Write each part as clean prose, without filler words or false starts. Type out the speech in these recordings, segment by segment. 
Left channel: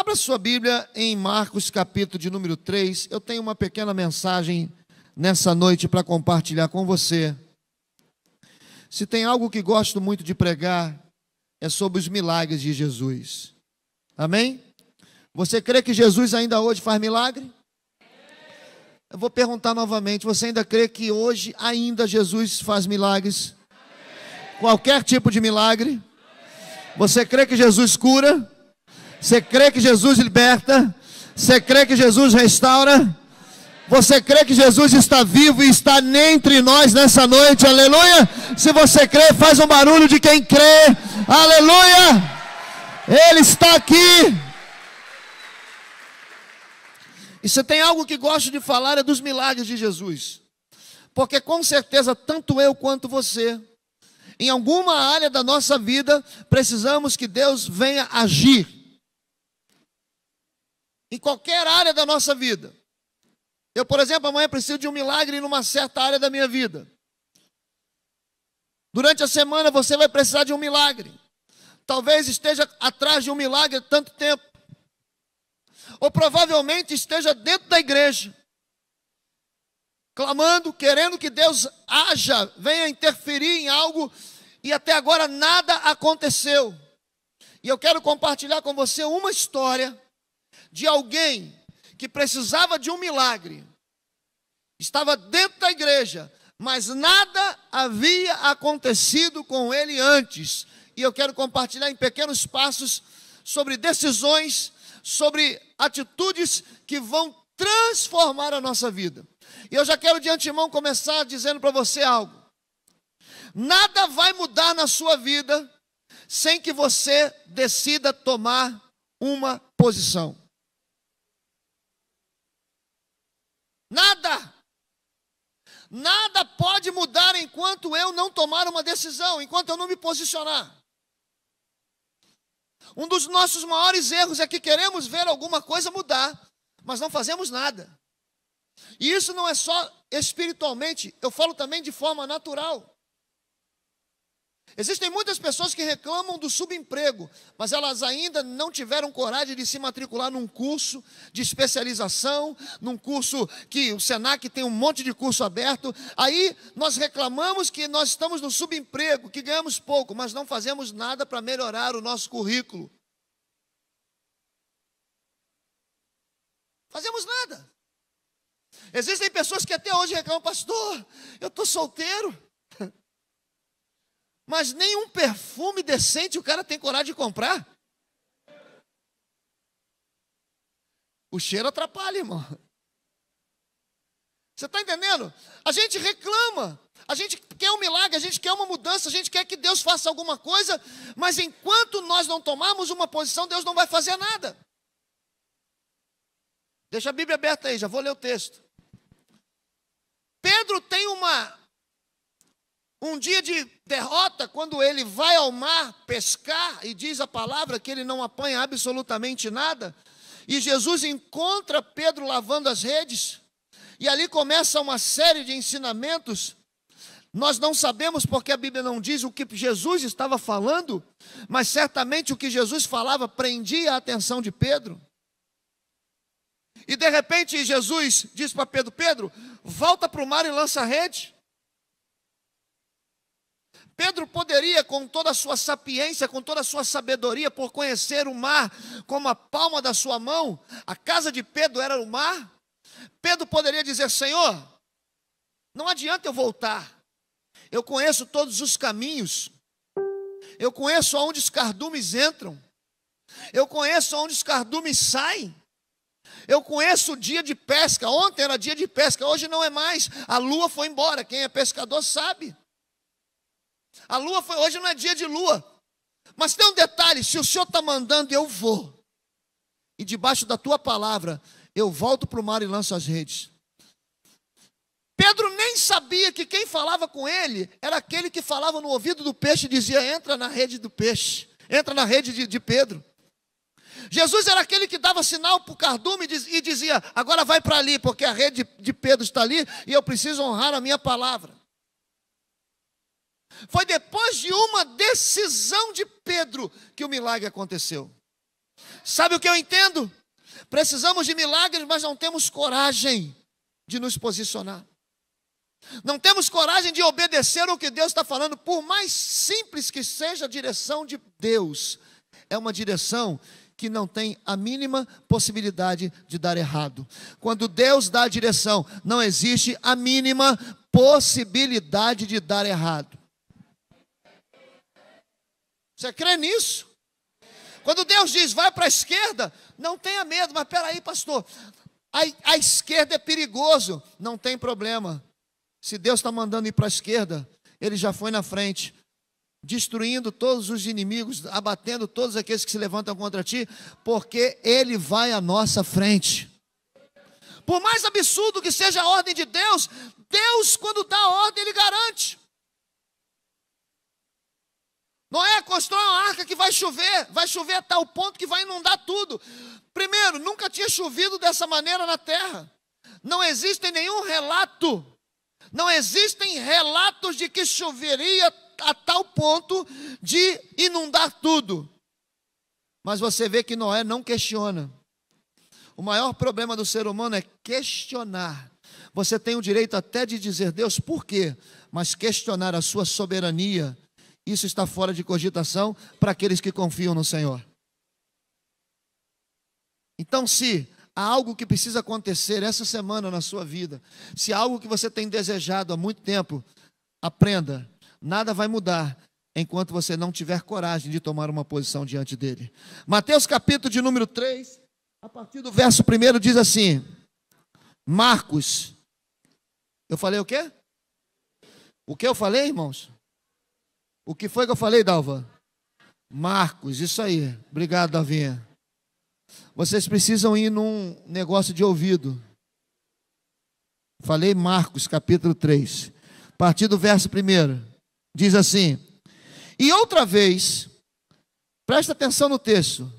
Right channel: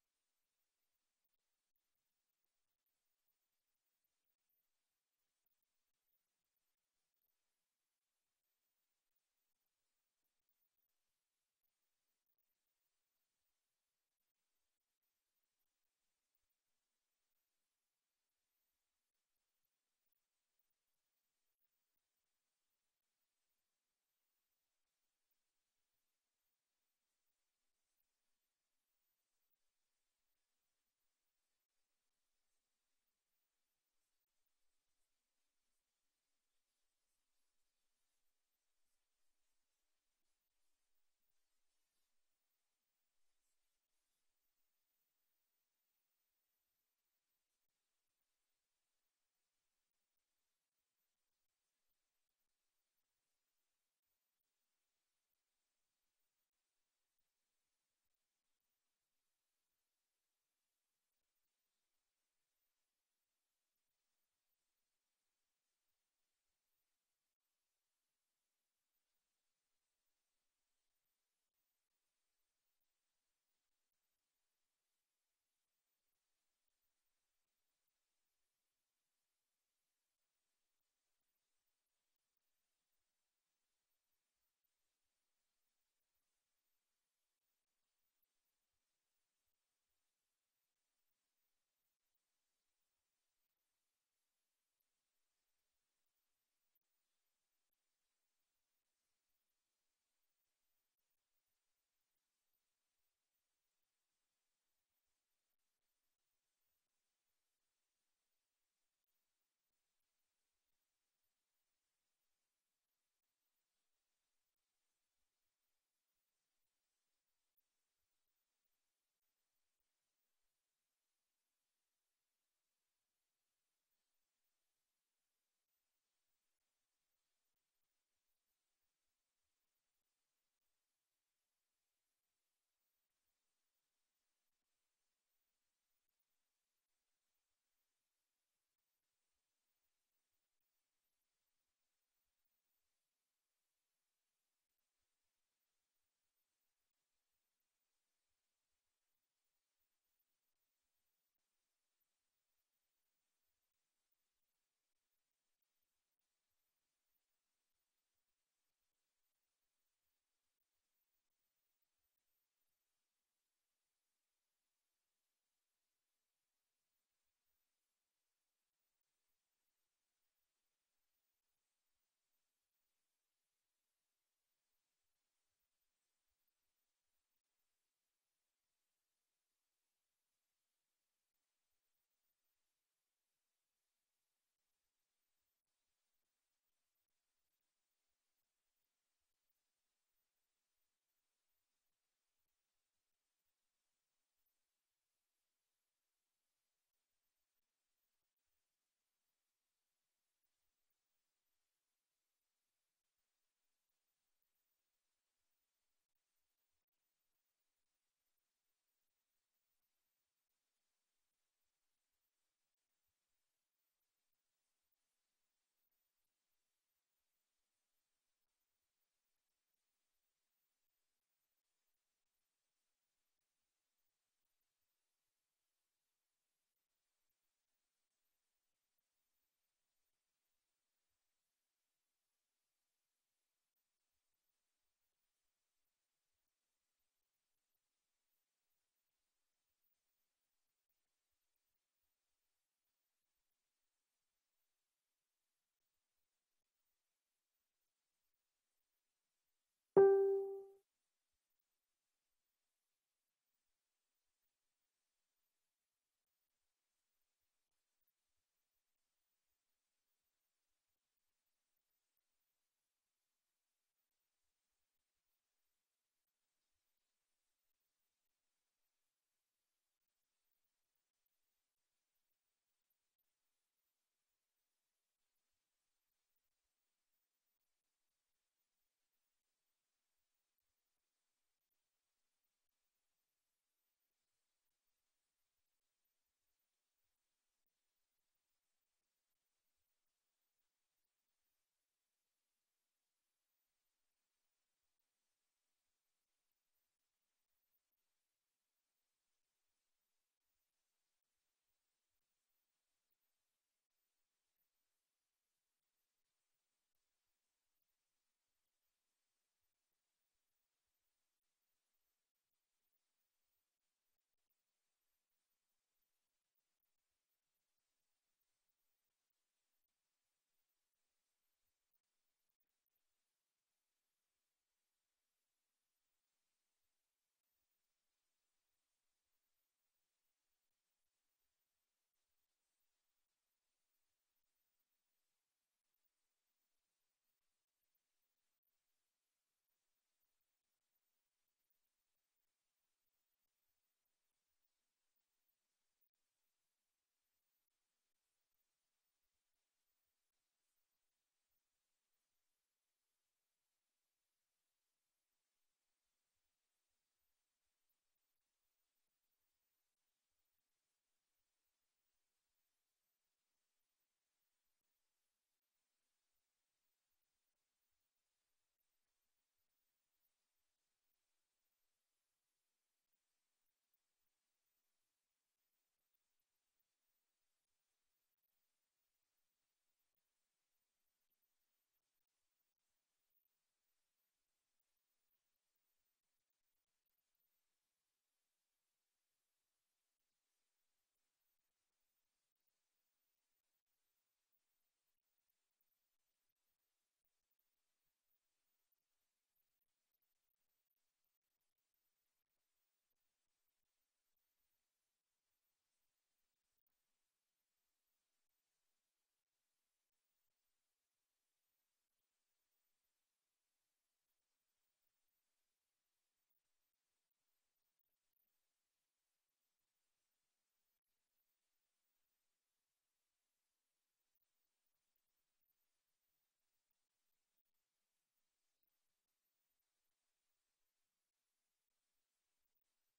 Abra sua Bíblia em Marcos, capítulo de número 3. Eu tenho uma pequena mensagem nessa noite para compartilhar com você. Se tem algo que gosto muito de pregar, é sobre os milagres de Jesus. Amém? Você crê que Jesus ainda hoje faz milagre? Eu vou perguntar novamente, você ainda crê que hoje ainda Jesus faz milagres? Qualquer tipo de milagre? Você crê que Jesus cura? Você crê que Jesus liberta? Você crê que Jesus restaura? Você crê que Jesus está vivo e está entre nós nessa noite? Aleluia! Se você crê, faz um barulho de quem crê. Aleluia! Ele está aqui. E se tem algo que gosto de falar é dos milagres de Jesus. Porque com certeza, tanto eu quanto você, em alguma área da nossa vida, precisamos que Deus venha agir. Em qualquer área da nossa vida. Eu, por exemplo, amanhã preciso de um milagre em uma certa área da minha vida. Durante a semana você vai precisar de um milagre. Talvez esteja atrás de um milagre há tanto tempo. Ou provavelmente esteja dentro da igreja, clamando, querendo que Deus haja, venha interferir em algo, e até agora nada aconteceu. E eu quero compartilhar com você uma história de alguém que precisava de um milagre, estava dentro da igreja, mas nada havia acontecido com ele antes. E eu quero compartilhar em pequenos passos sobre decisões, sobre atitudes que vão transformar a nossa vida. E eu já quero de antemão começar dizendo para você algo. Nada vai mudar na sua vida sem que você decida tomar uma posição. Nada pode mudar enquanto eu não tomar uma decisão, enquanto eu não me posicionar. Um dos nossos maiores erros é que queremos ver alguma coisa mudar, mas não fazemos nada. E isso não é só espiritualmente, eu falo também de forma natural. Existem muitas pessoas que reclamam do subemprego, mas elas ainda não tiveram coragem de se matricular num curso de especialização, num curso que o Senac tem um monte de curso aberto. Aí nós reclamamos que nós estamos no subemprego, que ganhamos pouco, mas não fazemos nada para melhorar o nosso currículo. Fazemos nada. Existem pessoas que até hoje reclamam, pastor, eu estou solteiro. Mas nenhum perfume decente o cara tem coragem de comprar. O cheiro atrapalha, irmão. Você está entendendo? A gente reclama, a gente quer um milagre, a gente quer uma mudança, a gente quer que Deus faça alguma coisa, mas enquanto nós não tomarmos uma posição, Deus não vai fazer nada. Deixa a Bíblia aberta aí, já vou ler o texto. Pedro tem um dia de derrota, quando ele vai ao mar pescar, e diz a palavra que ele não apanha absolutamente nada, e Jesus encontra Pedro lavando as redes, e ali começa uma série de ensinamentos. Nós não sabemos porque a Bíblia não diz o que Jesus estava falando, mas certamente o que Jesus falava prendia a atenção de Pedro. E de repente Jesus diz para Pedro, Pedro, volta para o mar e lança a rede. Pedro poderia, com toda a sua sapiência, com toda a sua sabedoria, por conhecer o mar como a palma da sua mão, a casa de Pedro era o mar. Pedro poderia dizer, Senhor, não adianta eu voltar, eu conheço todos os caminhos, eu conheço aonde os cardumes entram, eu conheço aonde os cardumes saem, eu conheço o dia de pesca, ontem era dia de pesca, hoje não é mais, a lua foi embora, quem é pescador sabe. A lua foi, hoje não é dia de lua. Mas tem um detalhe, se o Senhor está mandando, eu vou. E debaixo da tua palavra, eu volto para o mar e lanço as redes. Pedro nem sabia que quem falava com ele era aquele que falava no ouvido do peixe e dizia, entra na rede do peixe, entra na rede de Pedro. Jesus era aquele que dava sinal para o cardume e dizia, agora vai para ali, porque a rede de Pedro está ali e eu preciso honrar a minha palavra. Foi depois de uma decisão de Pedro que o milagre aconteceu. Sabe o que eu entendo? Precisamos de milagres, mas não temos coragem de nos posicionar. Não temos coragem de obedecer o que Deus está falando, por mais simples que seja a direção de Deus. É uma direção que não tem a mínima possibilidade de dar errado. Quando Deus dá a direção, não existe a mínima possibilidade de dar errado. Você crê nisso? Quando Deus diz, vai para a esquerda, não tenha medo, mas peraí, pastor, a esquerda é perigoso. Não tem problema. Se Deus está mandando ir para a esquerda, Ele já foi na frente, destruindo todos os inimigos, abatendo todos aqueles que se levantam contra ti, porque Ele vai à nossa frente. Por mais absurdo que seja a ordem de Deus, Deus, quando dá a ordem, Ele garante. Noé constrói uma arca que vai chover a tal ponto que vai inundar tudo. Primeiro, nunca tinha chovido dessa maneira na terra. Não existe nenhum relato, não existem relatos de que choveria a tal ponto de inundar tudo. Mas você vê que Noé não questiona. O maior problema do ser humano é questionar. Você tem o direito até de dizer, Deus, por quê? Mas questionar a sua soberania, isso está fora de cogitação para aqueles que confiam no Senhor. Então, se há algo que precisa acontecer essa semana na sua vida, se há algo que você tem desejado há muito tempo, aprenda, nada vai mudar enquanto você não tiver coragem de tomar uma posição diante dele. Mateus capítulo de número 3, a partir do verso 1 diz assim, Marcos, eu falei o quê? O que eu falei, irmãos? O que foi que eu falei, Dalva? Marcos, isso aí. Obrigado, Davinha. Vocês precisam ir num negócio de ouvido. Falei Marcos, capítulo 3. A partir do verso 1. Diz assim. E outra vez, presta atenção no texto.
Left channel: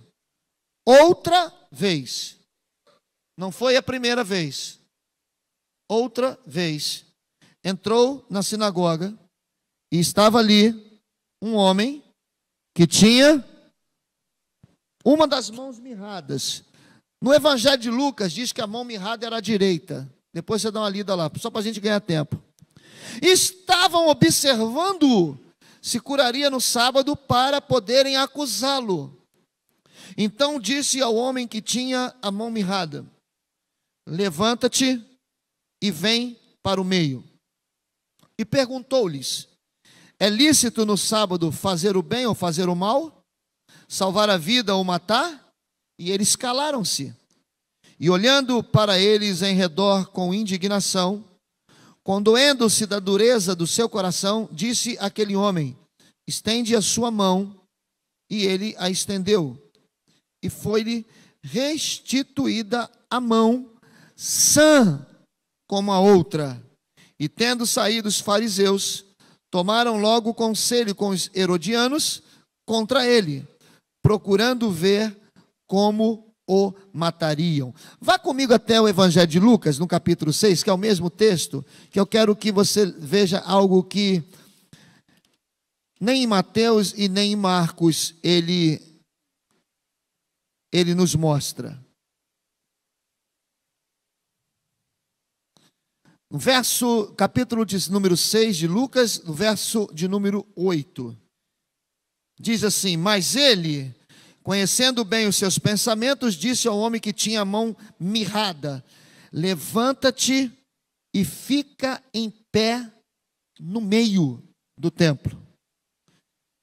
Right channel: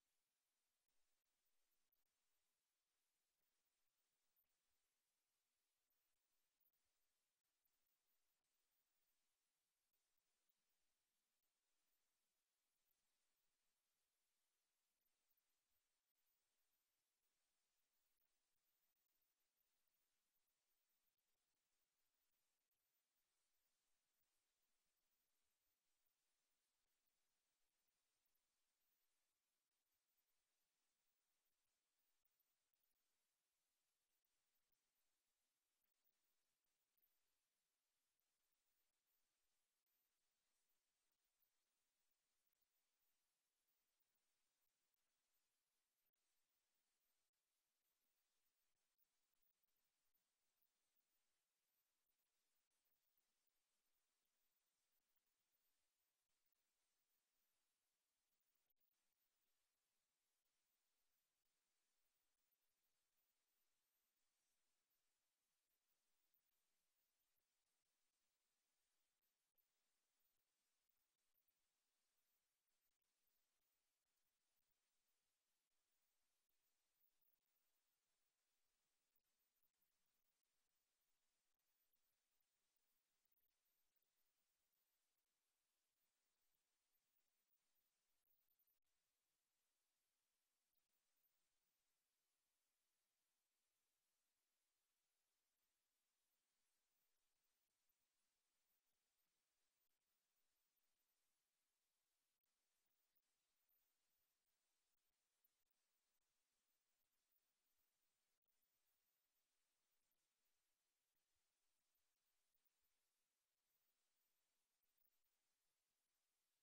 Outra vez. Não foi a primeira vez. Outra vez. Entrou na sinagoga e estava ali um homem que tinha uma das mãos mirradas. No Evangelho de Lucas diz que a mão mirrada era a direita. Depois você dá uma lida lá, só para a gente ganhar tempo. Estavam observando-o, se curaria no sábado para poderem acusá-lo. Então disse ao homem que tinha a mão mirrada, levanta-te e vem para o meio. E perguntou-lhes, é lícito no sábado fazer o bem ou fazer o mal? Salvar a vida ou matar? E eles calaram-se. E olhando para eles em redor com indignação, condoendo-se da dureza do seu coração, disse aquele homem, estende a sua mão. E ele a estendeu. E foi-lhe restituída a mão, sã como a outra. E tendo saído os fariseus, tomaram logo conselho com os herodianos contra ele, procurando ver como o matariam. Vá comigo até o Evangelho de Lucas, no capítulo 6, que é o mesmo texto, que eu quero que você veja algo que nem em Mateus e nem em Marcos ele nos mostra. No capítulo de número 6 de Lucas, no verso de número 8, diz assim, mas ele, conhecendo bem os seus pensamentos, disse ao homem que tinha a mão mirrada, levanta-te e fica em pé no meio do templo.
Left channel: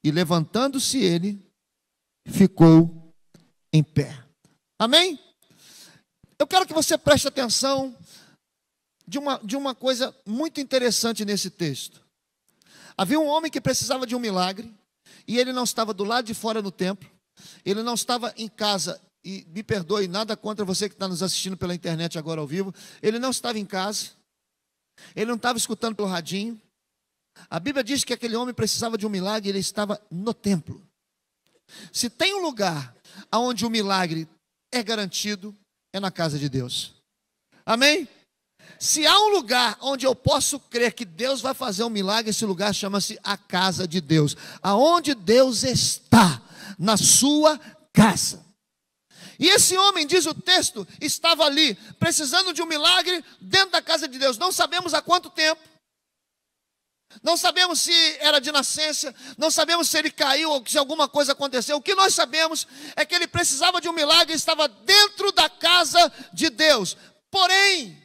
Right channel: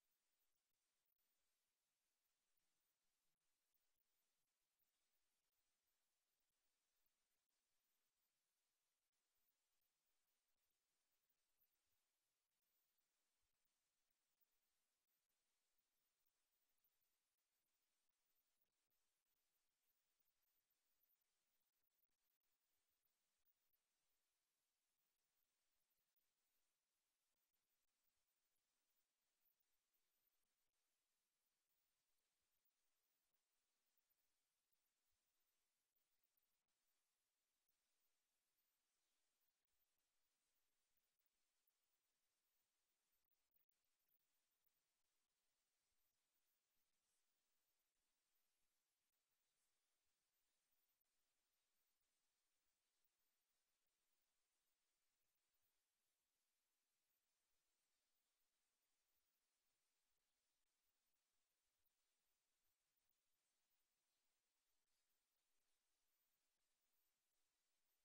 E levantando-se ele, ficou em pé. Amém? Eu quero que você preste atenção de uma coisa muito interessante nesse texto. Havia um homem que precisava de um milagre, e ele não estava do lado de fora no templo, ele não estava em casa, e me perdoe, nada contra você que está nos assistindo pela internet agora ao vivo, ele não estava em casa, ele não estava escutando pelo radinho. A Bíblia diz que aquele homem precisava de um milagre, e ele estava no templo. Se tem um lugar onde o milagre é garantido, é na casa de Deus. Amém? Se há um lugar onde eu posso crer que Deus vai fazer um milagre, esse lugar chama-se a casa de Deus. Aonde Deus está, na sua casa. E esse homem, diz o texto, estava ali, precisando de um milagre dentro da casa de Deus. Não sabemos há quanto tempo. Não sabemos se era de nascença, não sabemos se ele caiu ou se alguma coisa aconteceu. O que nós sabemos é que ele precisava de um milagre e estava dentro da casa de Deus. Porém,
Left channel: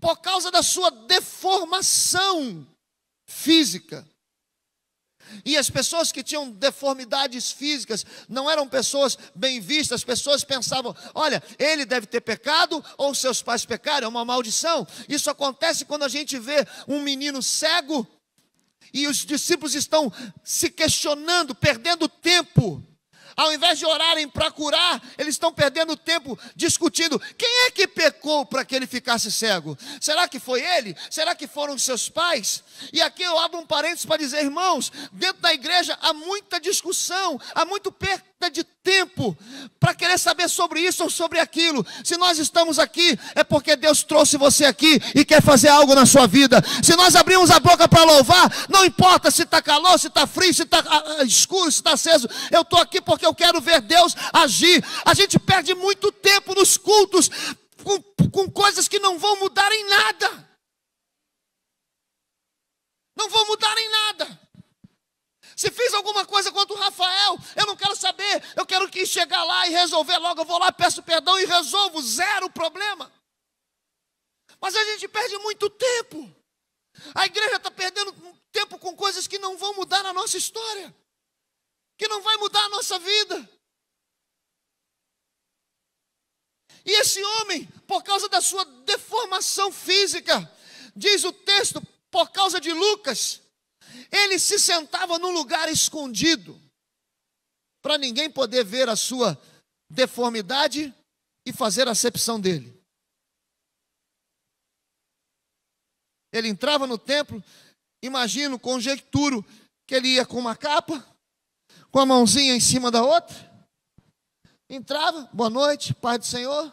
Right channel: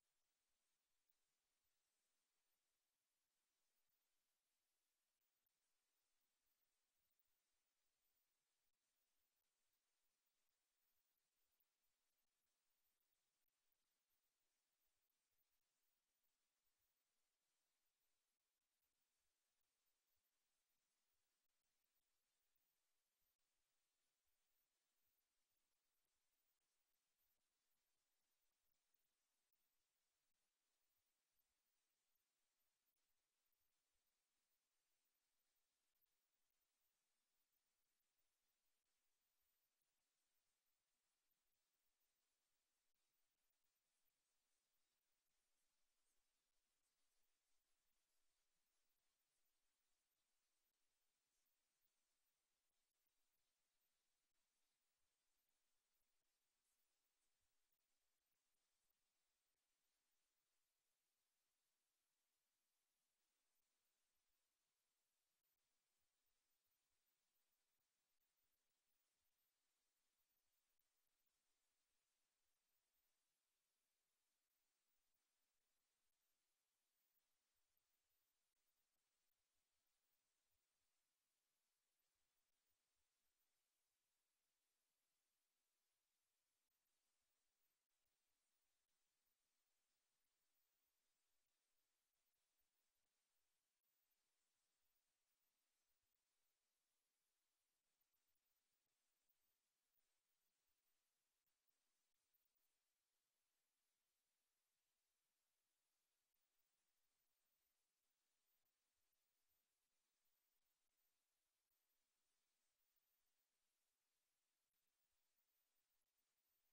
por causa da sua deformação física, e as pessoas que tinham deformidades físicas não eram pessoas bem vistas. As pessoas pensavam, olha, ele deve ter pecado, ou seus pais pecaram, é uma maldição. Isso acontece quando a gente vê um menino cego, e os discípulos estão se questionando, perdendo tempo. Ao invés de orarem para curar, eles estão perdendo tempo discutindo. Quem é que pecou para que ele ficasse cego? Será que foi ele? Será que foram os seus pais? E aqui eu abro um parênteses para dizer, irmãos, dentro da igreja há muita discussão, há muito perda de tempo para querer saber sobre isso ou sobre aquilo. Se nós estamos aqui, é porque Deus trouxe você aqui e quer fazer algo na sua vida. Se nós abrimos a boca para louvar, não importa se está calor, se está frio, se está escuro, se está aceso. Eu estou aqui porque eu quero ver Deus agir. A gente perde muito tempo nos cultos com coisas que não vão mudar em nada. Não vão mudar em nada. Se fiz alguma coisa contra o Rafael, eu não quero saber. Eu quero que chegar lá e resolver logo. Eu vou lá, peço perdão e resolvo. Zero problema. Mas a gente perde muito tempo. A igreja está perdendo tempo com coisas que não vão mudar na nossa história, que não vai mudar a nossa vida. E esse homem, por causa da sua deformação física, diz o texto, por causa de Lucas, ele se sentava num lugar escondido, para ninguém poder ver a sua deformidade e fazer acepção dele. Ele entrava no templo, imagino, conjecturo, que ele ia com uma capa, com a mãozinha em cima da outra, entrava, boa noite, Pai do Senhor.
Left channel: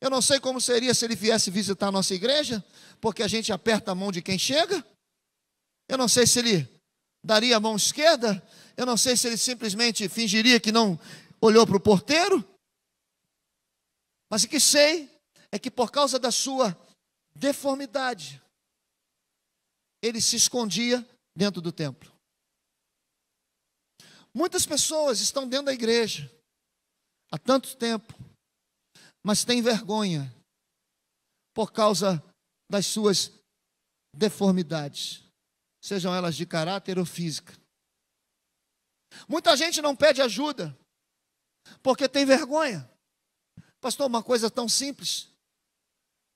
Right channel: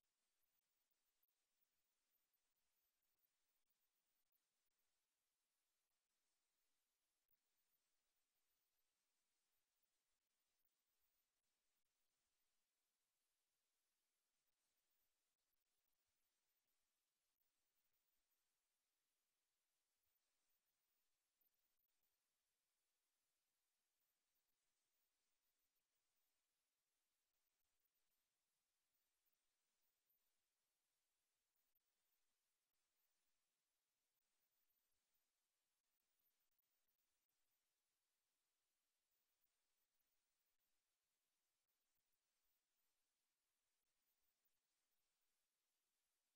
Eu não sei como seria se ele viesse visitar a nossa igreja, porque a gente aperta a mão de quem chega. Eu não sei se ele daria a mão esquerda, eu não sei se ele simplesmente fingiria que não olhou para o porteiro. Mas o que sei é que por causa da sua deformidade, ele se escondia dentro do templo. Muitas pessoas estão dentro da igreja há tanto tempo, mas têm vergonha por causa das suas deformidades, sejam elas de caráter ou física. Muita gente não pede ajuda porque tem vergonha. Pastor, uma coisa tão simples,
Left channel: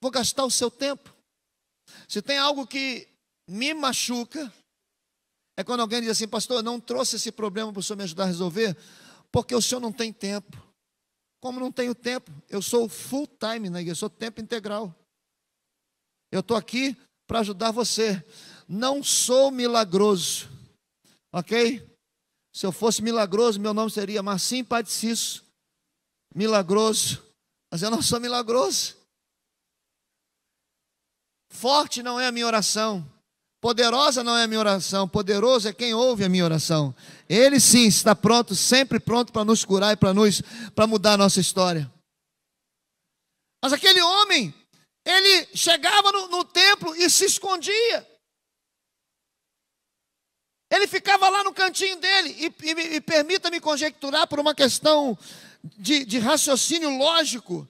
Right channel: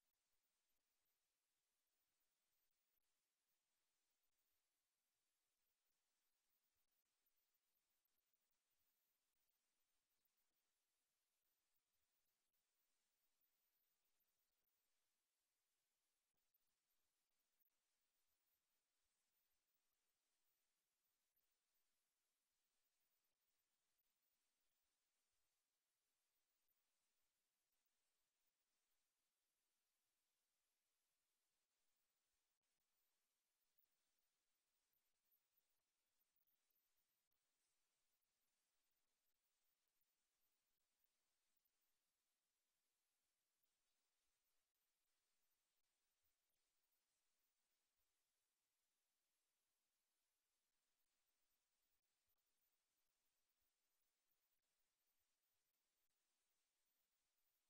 vou gastar o seu tempo. Se tem algo que me machuca, é quando alguém diz assim, pastor, eu não trouxe esse problema para o senhor me ajudar a resolver, porque o senhor não tem tempo. Como não tenho tempo? Eu sou full time na igreja, eu sou tempo integral. Eu estou aqui para ajudar você. Não sou milagroso, ok? Se eu fosse milagroso, meu nome seria Marcinho Padicisso, milagroso, mas eu não sou milagroso. Forte não é a minha oração, poderosa não é a minha oração, poderoso é quem ouve a minha oração. Ele sim está pronto, sempre pronto para nos curar e para mudar a nossa história. Mas aquele homem, ele chegava no templo e se escondia. Ele ficava lá no cantinho dele, e permita-me conjecturar por uma questão de raciocínio lógico,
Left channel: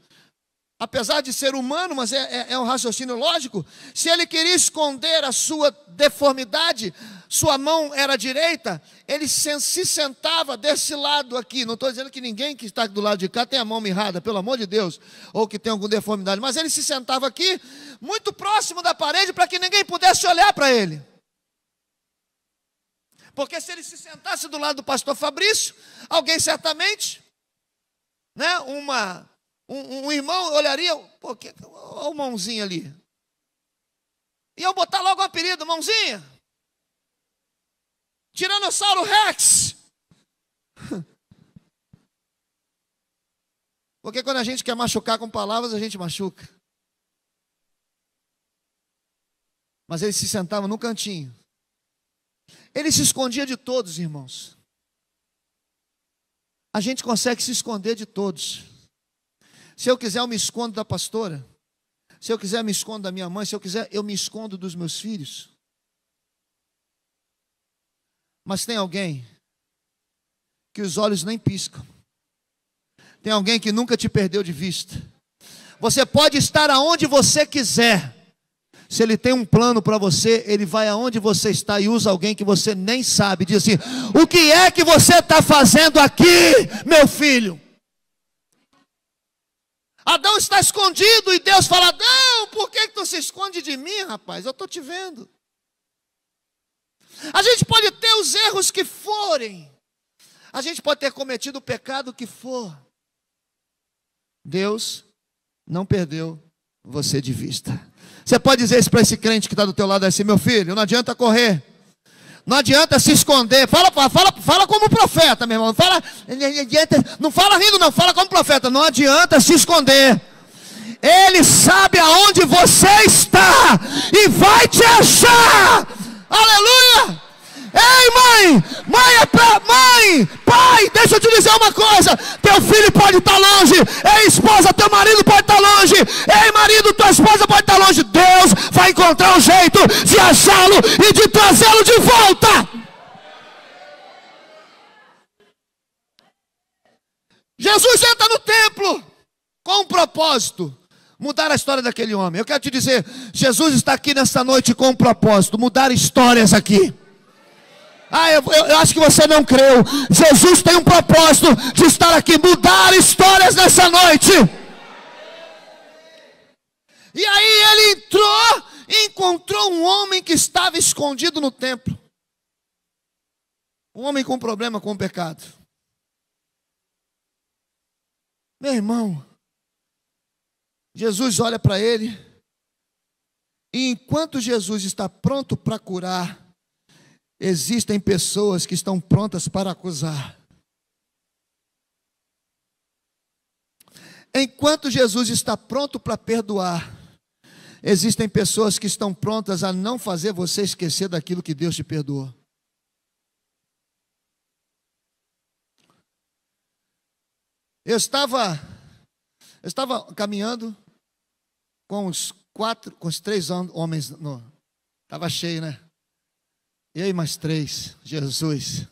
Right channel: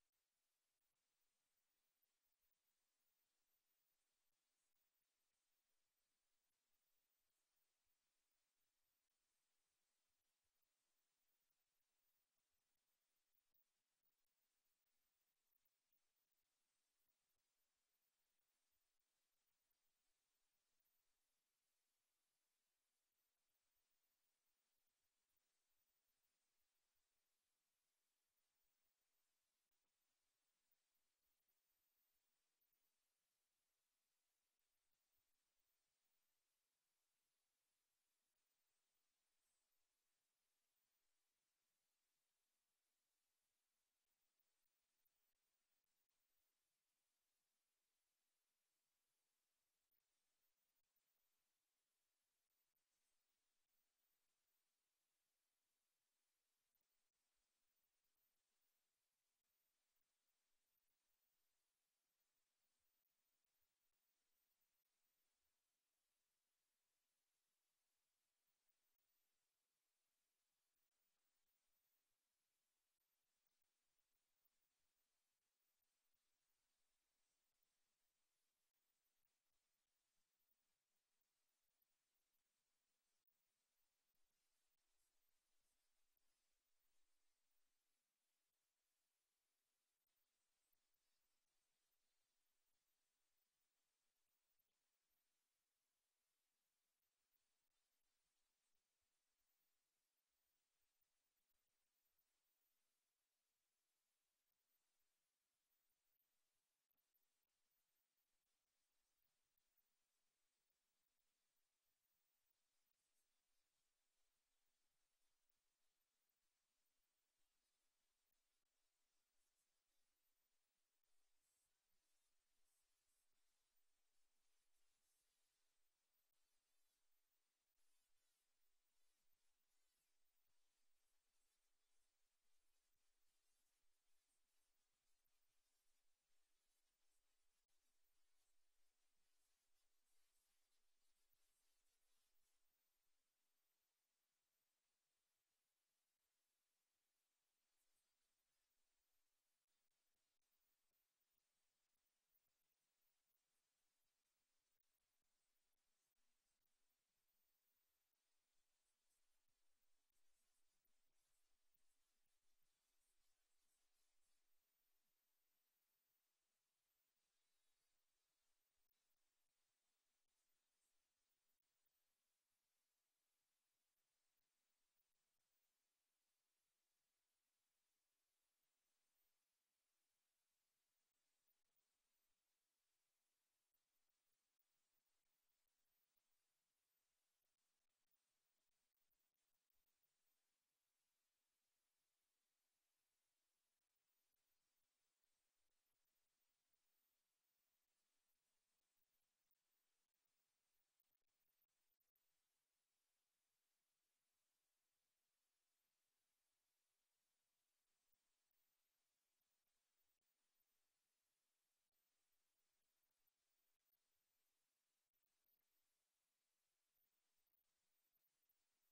apesar de ser humano, mas é um raciocínio lógico. Se ele queria esconder a sua deformidade, sua mão era direita, ele se sentava desse lado aqui. Não estou dizendo que ninguém que está do lado de cá tem a mão mirrada, pelo amor de Deus, ou que tem alguma deformidade, mas ele se sentava aqui, muito próximo da parede, para que ninguém pudesse olhar para ele. Porque se ele se sentasse do lado do pastor Fabrício, alguém certamente, né, um irmão olharia, pô, olha o mãozinho ali. E eu botar logo o apelido, mãozinha. Tiranossauro Rex. Porque quando a gente quer machucar com palavras, a gente machuca. Mas ele se sentava no cantinho. Ele se escondia de todos, irmãos. A gente consegue se esconder de todos. Se eu quiser, eu me escondo da pastora. Se eu quiser, eu me escondo da minha mãe. Se eu quiser, eu me escondo dos meus filhos. Mas tem alguém que os olhos nem piscam. Tem alguém que nunca te perdeu de vista. Você pode estar aonde você quiser. Se ele tem um plano para você, ele vai aonde você está e usa alguém que você nem sabe. Diz assim: o que é que você está fazendo aqui, meu filho? Adão está escondido e Deus fala: Adão, por que tu se esconde de mim, rapaz? Eu estou te vendo. A gente pode ter os erros que forem. A gente pode ter cometido o pecado que for. Deus não perdeu você de vista. Você pode dizer isso para esse crente que está do teu lado assim: meu filho, não adianta correr. Não adianta se esconder. Fala como profeta, meu irmão. Não fala rindo, não. Fala como profeta. Não adianta se esconder. Ele sabe aonde você está e vai te achar. Aleluia! Ei, mãe, pai, deixa eu te dizer uma coisa: teu filho pode estar longe, ei, esposa, teu marido pode estar longe, ei, marido, tua esposa pode estar longe. Deus vai encontrar um jeito de achá-lo e de trazê-lo de volta. Jesus entra no templo com um propósito: mudar a história daquele homem. Eu quero te dizer, Jesus está aqui nesta noite com um propósito: mudar histórias aqui. Eu acho que você não creu. Jesus tem um propósito de estar aqui, mudar histórias nessa noite. E aí ele entrou e encontrou um homem que estava escondido no templo. Um homem com problema com o pecado. Meu irmão, Jesus olha para ele, e enquanto Jesus está pronto para curar, existem pessoas que estão prontas para acusar. Enquanto Jesus está pronto para perdoar, existem pessoas que estão prontas a não fazer você esquecer daquilo que Deus te perdoou. Eu estava caminhando com os 3 homens, estava cheio, né? E aí mais 3, Jesus.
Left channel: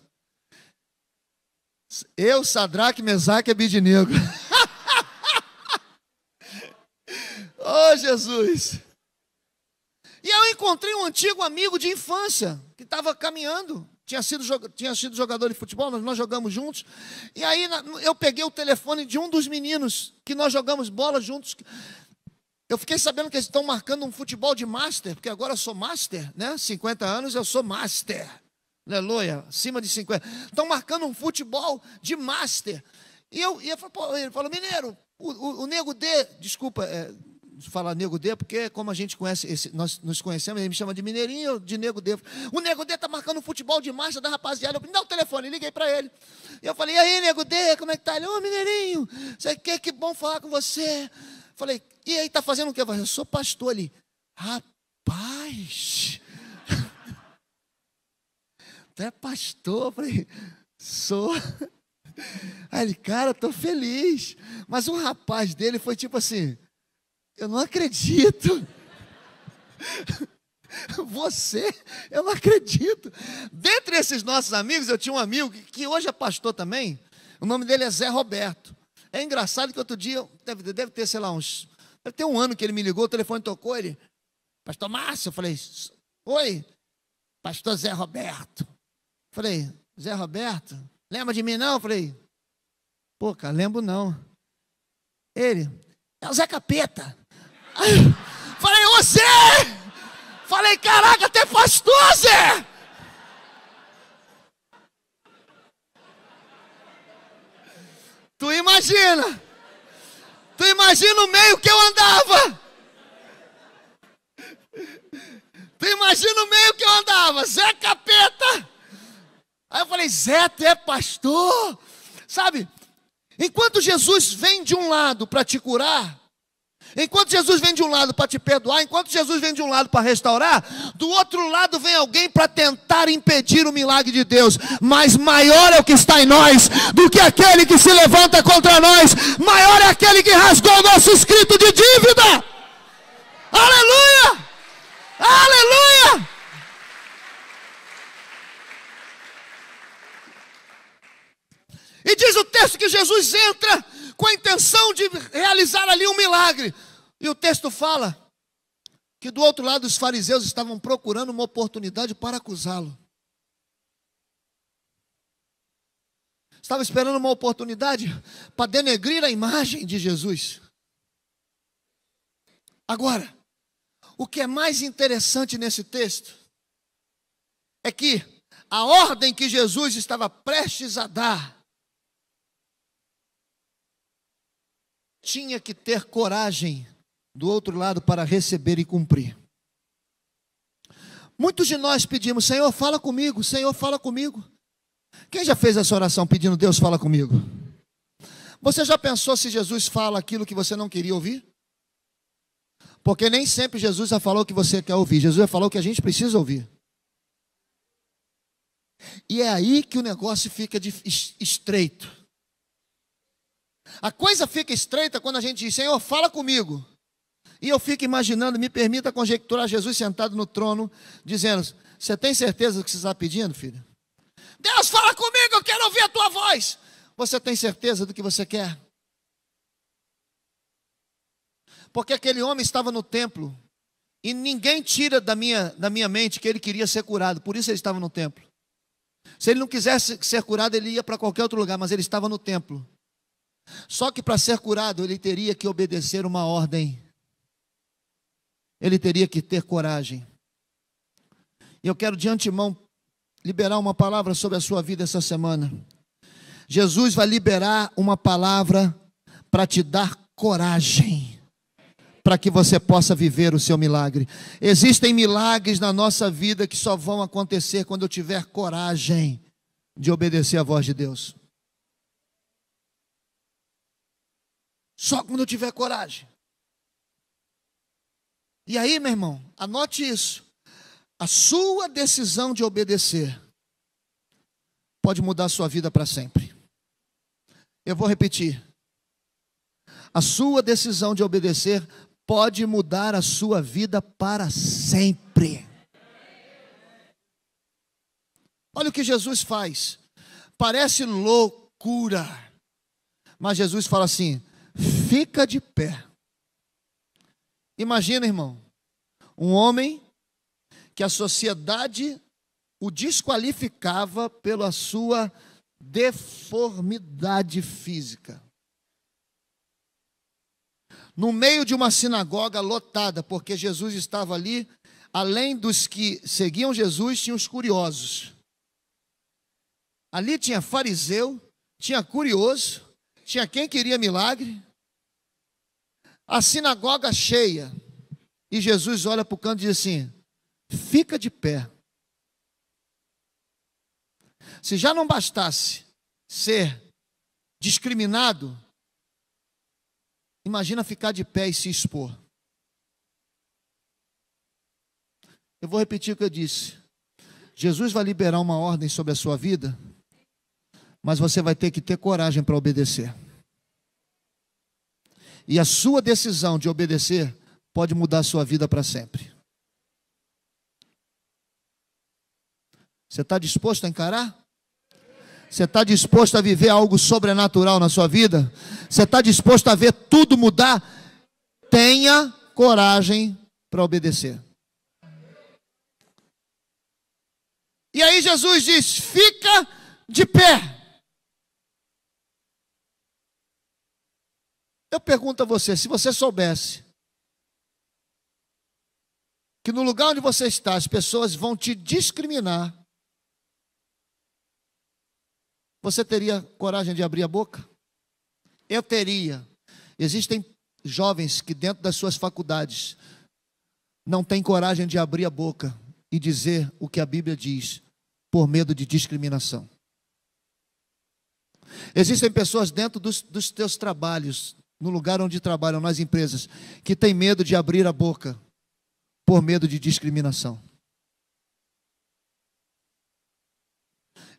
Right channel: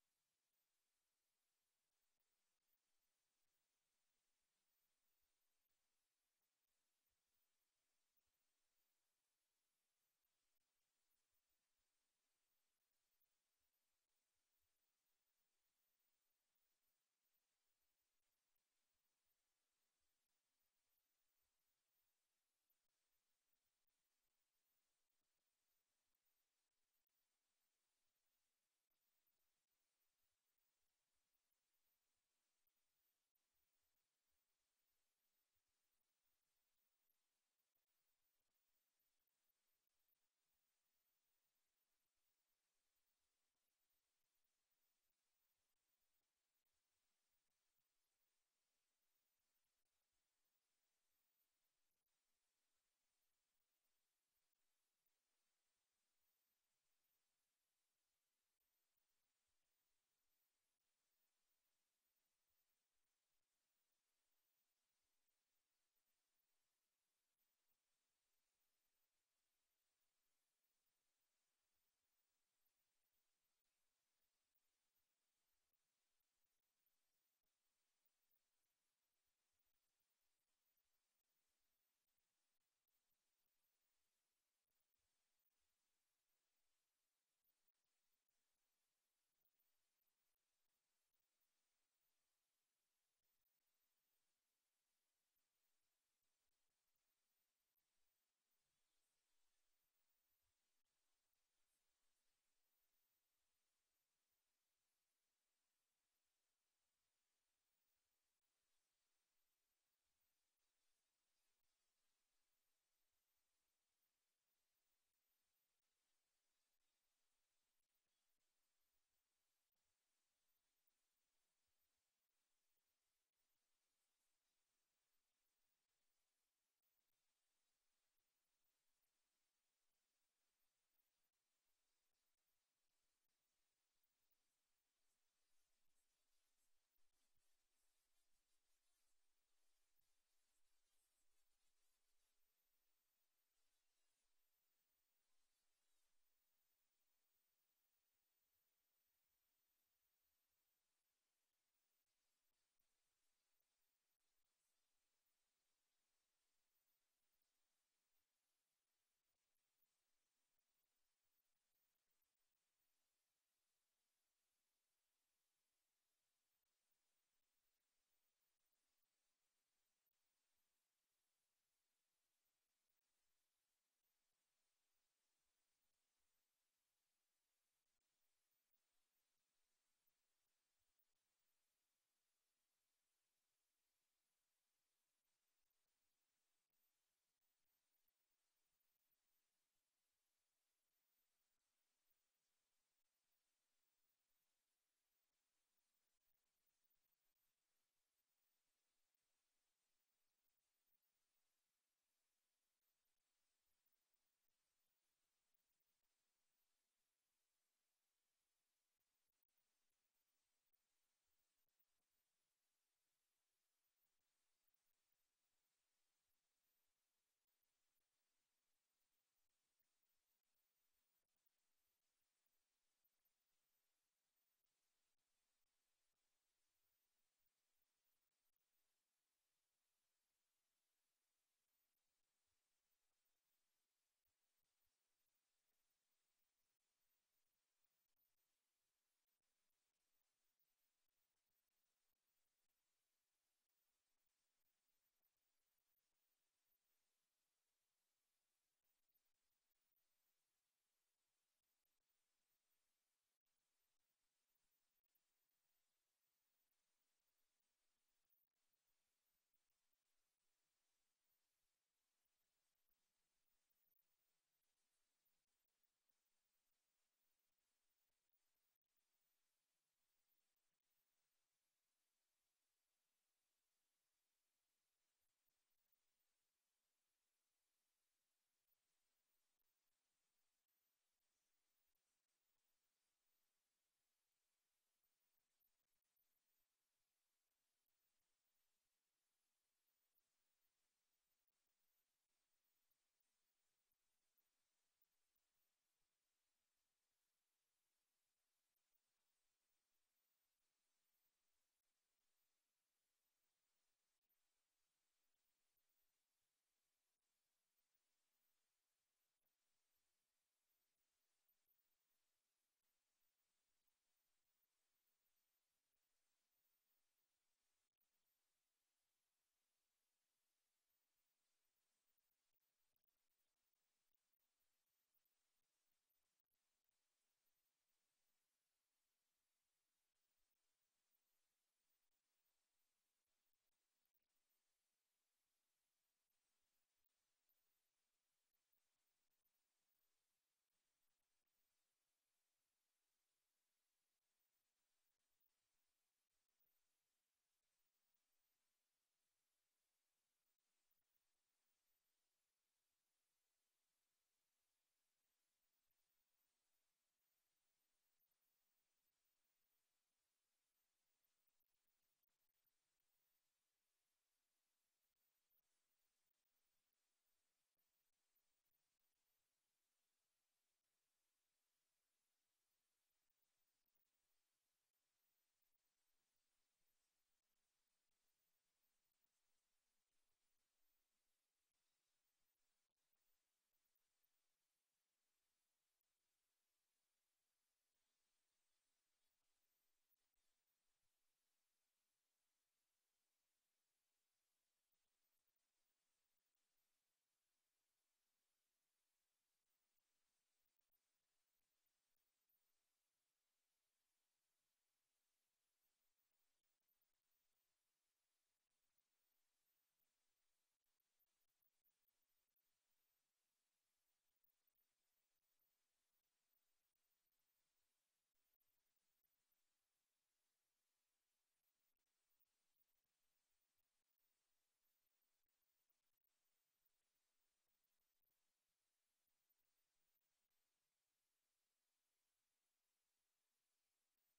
Eu, Sadraque, Mesaque e Abednego. Oh, Jesus. E eu encontrei um antigo amigo de infância, que estava caminhando. Tinha sido jogador de futebol, nós jogamos juntos. E aí eu peguei o telefone de um dos meninos, que nós jogamos bola juntos. Eu fiquei sabendo que eles estão marcando um futebol de master, porque agora eu sou master, né? 50 anos eu sou master. Aleluia, acima de 50. Estão marcando um futebol de master. E ele falou: mineiro, o Nego D, desculpa falar Nego D, porque como a gente conhece, nós nos conhecemos, ele me chama de mineirinho, de Nego D. O Nego D está marcando um futebol de master da rapaziada. Eu falei: dá o telefone, liguei para ele. E eu falei: e aí, Nego D, como é que tá? Ele: ô, mineirinho, que bom falar com você. Falei: e aí, está fazendo o quê? Eu sou pastor ali. Rapaz, tu é pastor? Eu falei: sou. Aí ele: cara, estou feliz. Mas o rapaz dele foi tipo assim: eu não acredito. Você, eu não acredito. Dentre esses nossos amigos, eu tinha um amigo que hoje é pastor também. O nome dele é Zé Roberto. É engraçado que outro dia, deve ter, sei lá, deve ter um ano que ele me ligou, o telefone tocou, ele: pastor Márcio. Eu falei: oi, pastor Zé Roberto. Eu falei: Zé Roberto, lembra de mim não? Eu falei: pô, cara, lembro não. Ele: é o Zé Capeta. Aí, falei: você! Falei: caraca, até pastor, Zé! Tu imagina o meio que eu andava. Zé Capeta. Aí eu falei: Zé, tu é pastor? Sabe, enquanto Jesus vem de um lado para te curar, Enquanto Jesus vem de um lado para te perdoar, enquanto Jesus vem de um lado para restaurar, do outro lado vem alguém para tentar impedir o milagre de Deus. Mas maior é o que está em nós do que aquele que se levanta contra nós. Maior é aquele que rasgou o nosso escrito de dívida. Aleluia! Aleluia! E diz o texto que Jesus entra com a intenção de realizar ali um milagre. E o texto fala que do outro lado os fariseus estavam procurando uma oportunidade para acusá-lo. Estavam esperando uma oportunidade para denegrir a imagem de Jesus. Agora, o que é mais interessante nesse texto é que a ordem que Jesus estava prestes a dar tinha que ter coragem do outro lado para receber e cumprir. Muitos de nós pedimos: Senhor, fala comigo, Senhor, fala comigo. Quem já fez essa oração pedindo: Deus, fala comigo? Você já pensou se Jesus fala aquilo que você não queria ouvir? Porque nem sempre Jesus já falou o que você quer ouvir. Jesus já falou o que a gente precisa ouvir. E é aí que o negócio fica estreito. A coisa fica estreita quando a gente diz: Senhor, fala comigo. E eu fico imaginando, me permita conjecturar, Jesus sentado no trono, dizendo: você tem certeza do que você está pedindo, filho? Deus, fala comigo, eu quero ouvir a tua voz. Você tem certeza do que você quer? Porque aquele homem estava no templo, e ninguém tira da minha mente que ele queria ser curado, por isso ele estava no templo. Se ele não quisesse ser curado, ele ia para qualquer outro lugar, mas ele estava no templo. Só que para ser curado, ele teria que obedecer uma ordem. Ele teria que ter coragem. E eu quero de antemão liberar uma palavra sobre a sua vida essa semana. Jesus vai liberar uma palavra para te dar coragem, para que você possa viver o seu milagre. Existem milagres na nossa vida que só vão acontecer quando eu tiver coragem de obedecer a voz de Deus. Só quando eu tiver coragem. E aí, meu irmão, anote isso. A sua decisão de obedecer pode mudar a sua vida para sempre. Eu vou repetir. A sua decisão de obedecer pode mudar a sua vida para sempre. Olha o que Jesus faz. Parece loucura, mas Jesus fala assim: fica de pé. Imagina, irmão, um homem que a sociedade o desqualificava pela sua deformidade física. No meio de uma sinagoga lotada, porque Jesus estava ali, além dos que seguiam Jesus, tinha os curiosos. Ali tinha fariseu, tinha curioso, tinha quem queria milagre. A sinagoga cheia. E Jesus olha para o canto e diz assim: fica de pé. Se já não bastasse ser discriminado, imagina ficar de pé e se expor. Eu vou repetir o que eu disse. Jesus vai liberar uma ordem sobre a sua vida, mas você vai ter que ter coragem para obedecer. E a sua decisão de obedecer pode mudar a sua vida para sempre. Você está disposto a encarar? Você está disposto a viver algo sobrenatural na sua vida? Você está disposto a ver tudo mudar? Tenha coragem para obedecer. E aí Jesus diz: fica de pé. Eu pergunto a você, se você soubesse que no lugar onde você está as pessoas vão te discriminar, você teria coragem de abrir a boca? Eu teria. Existem jovens que dentro das suas faculdades não têm coragem de abrir a boca e dizer o que a Bíblia diz, por medo de discriminação. Existem pessoas dentro dos teus trabalhos, no lugar onde trabalham, nas empresas, que tem medo de abrir a boca por medo de discriminação.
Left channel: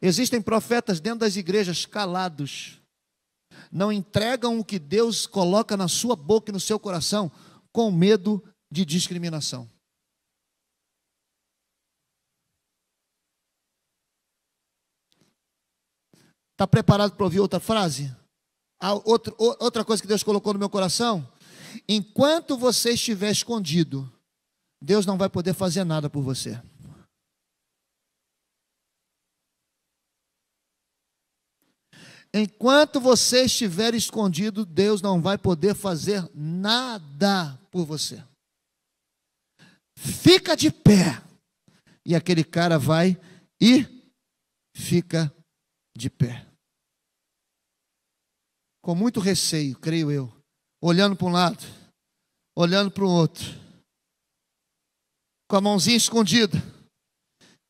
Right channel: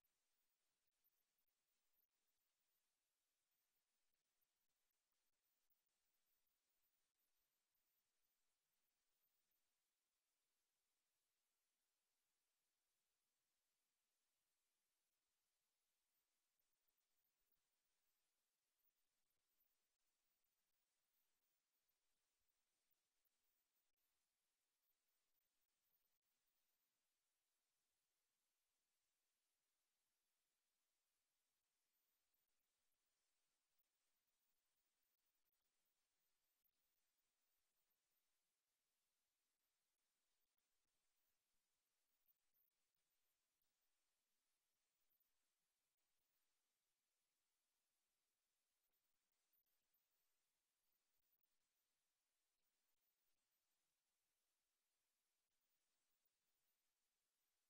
Existem profetas dentro das igrejas calados, não entregam o que Deus coloca na sua boca e no seu coração, com medo de discriminação. Está preparado para ouvir outra frase? Outra coisa que Deus colocou no meu coração? Enquanto você estiver escondido, Deus não vai poder fazer nada por você. Enquanto você estiver escondido, Deus não vai poder fazer nada por você. Fica de pé. E aquele cara vai e fica de pé. Com muito receio, creio eu. Olhando para um lado, olhando para o outro. Com a mãozinha escondida.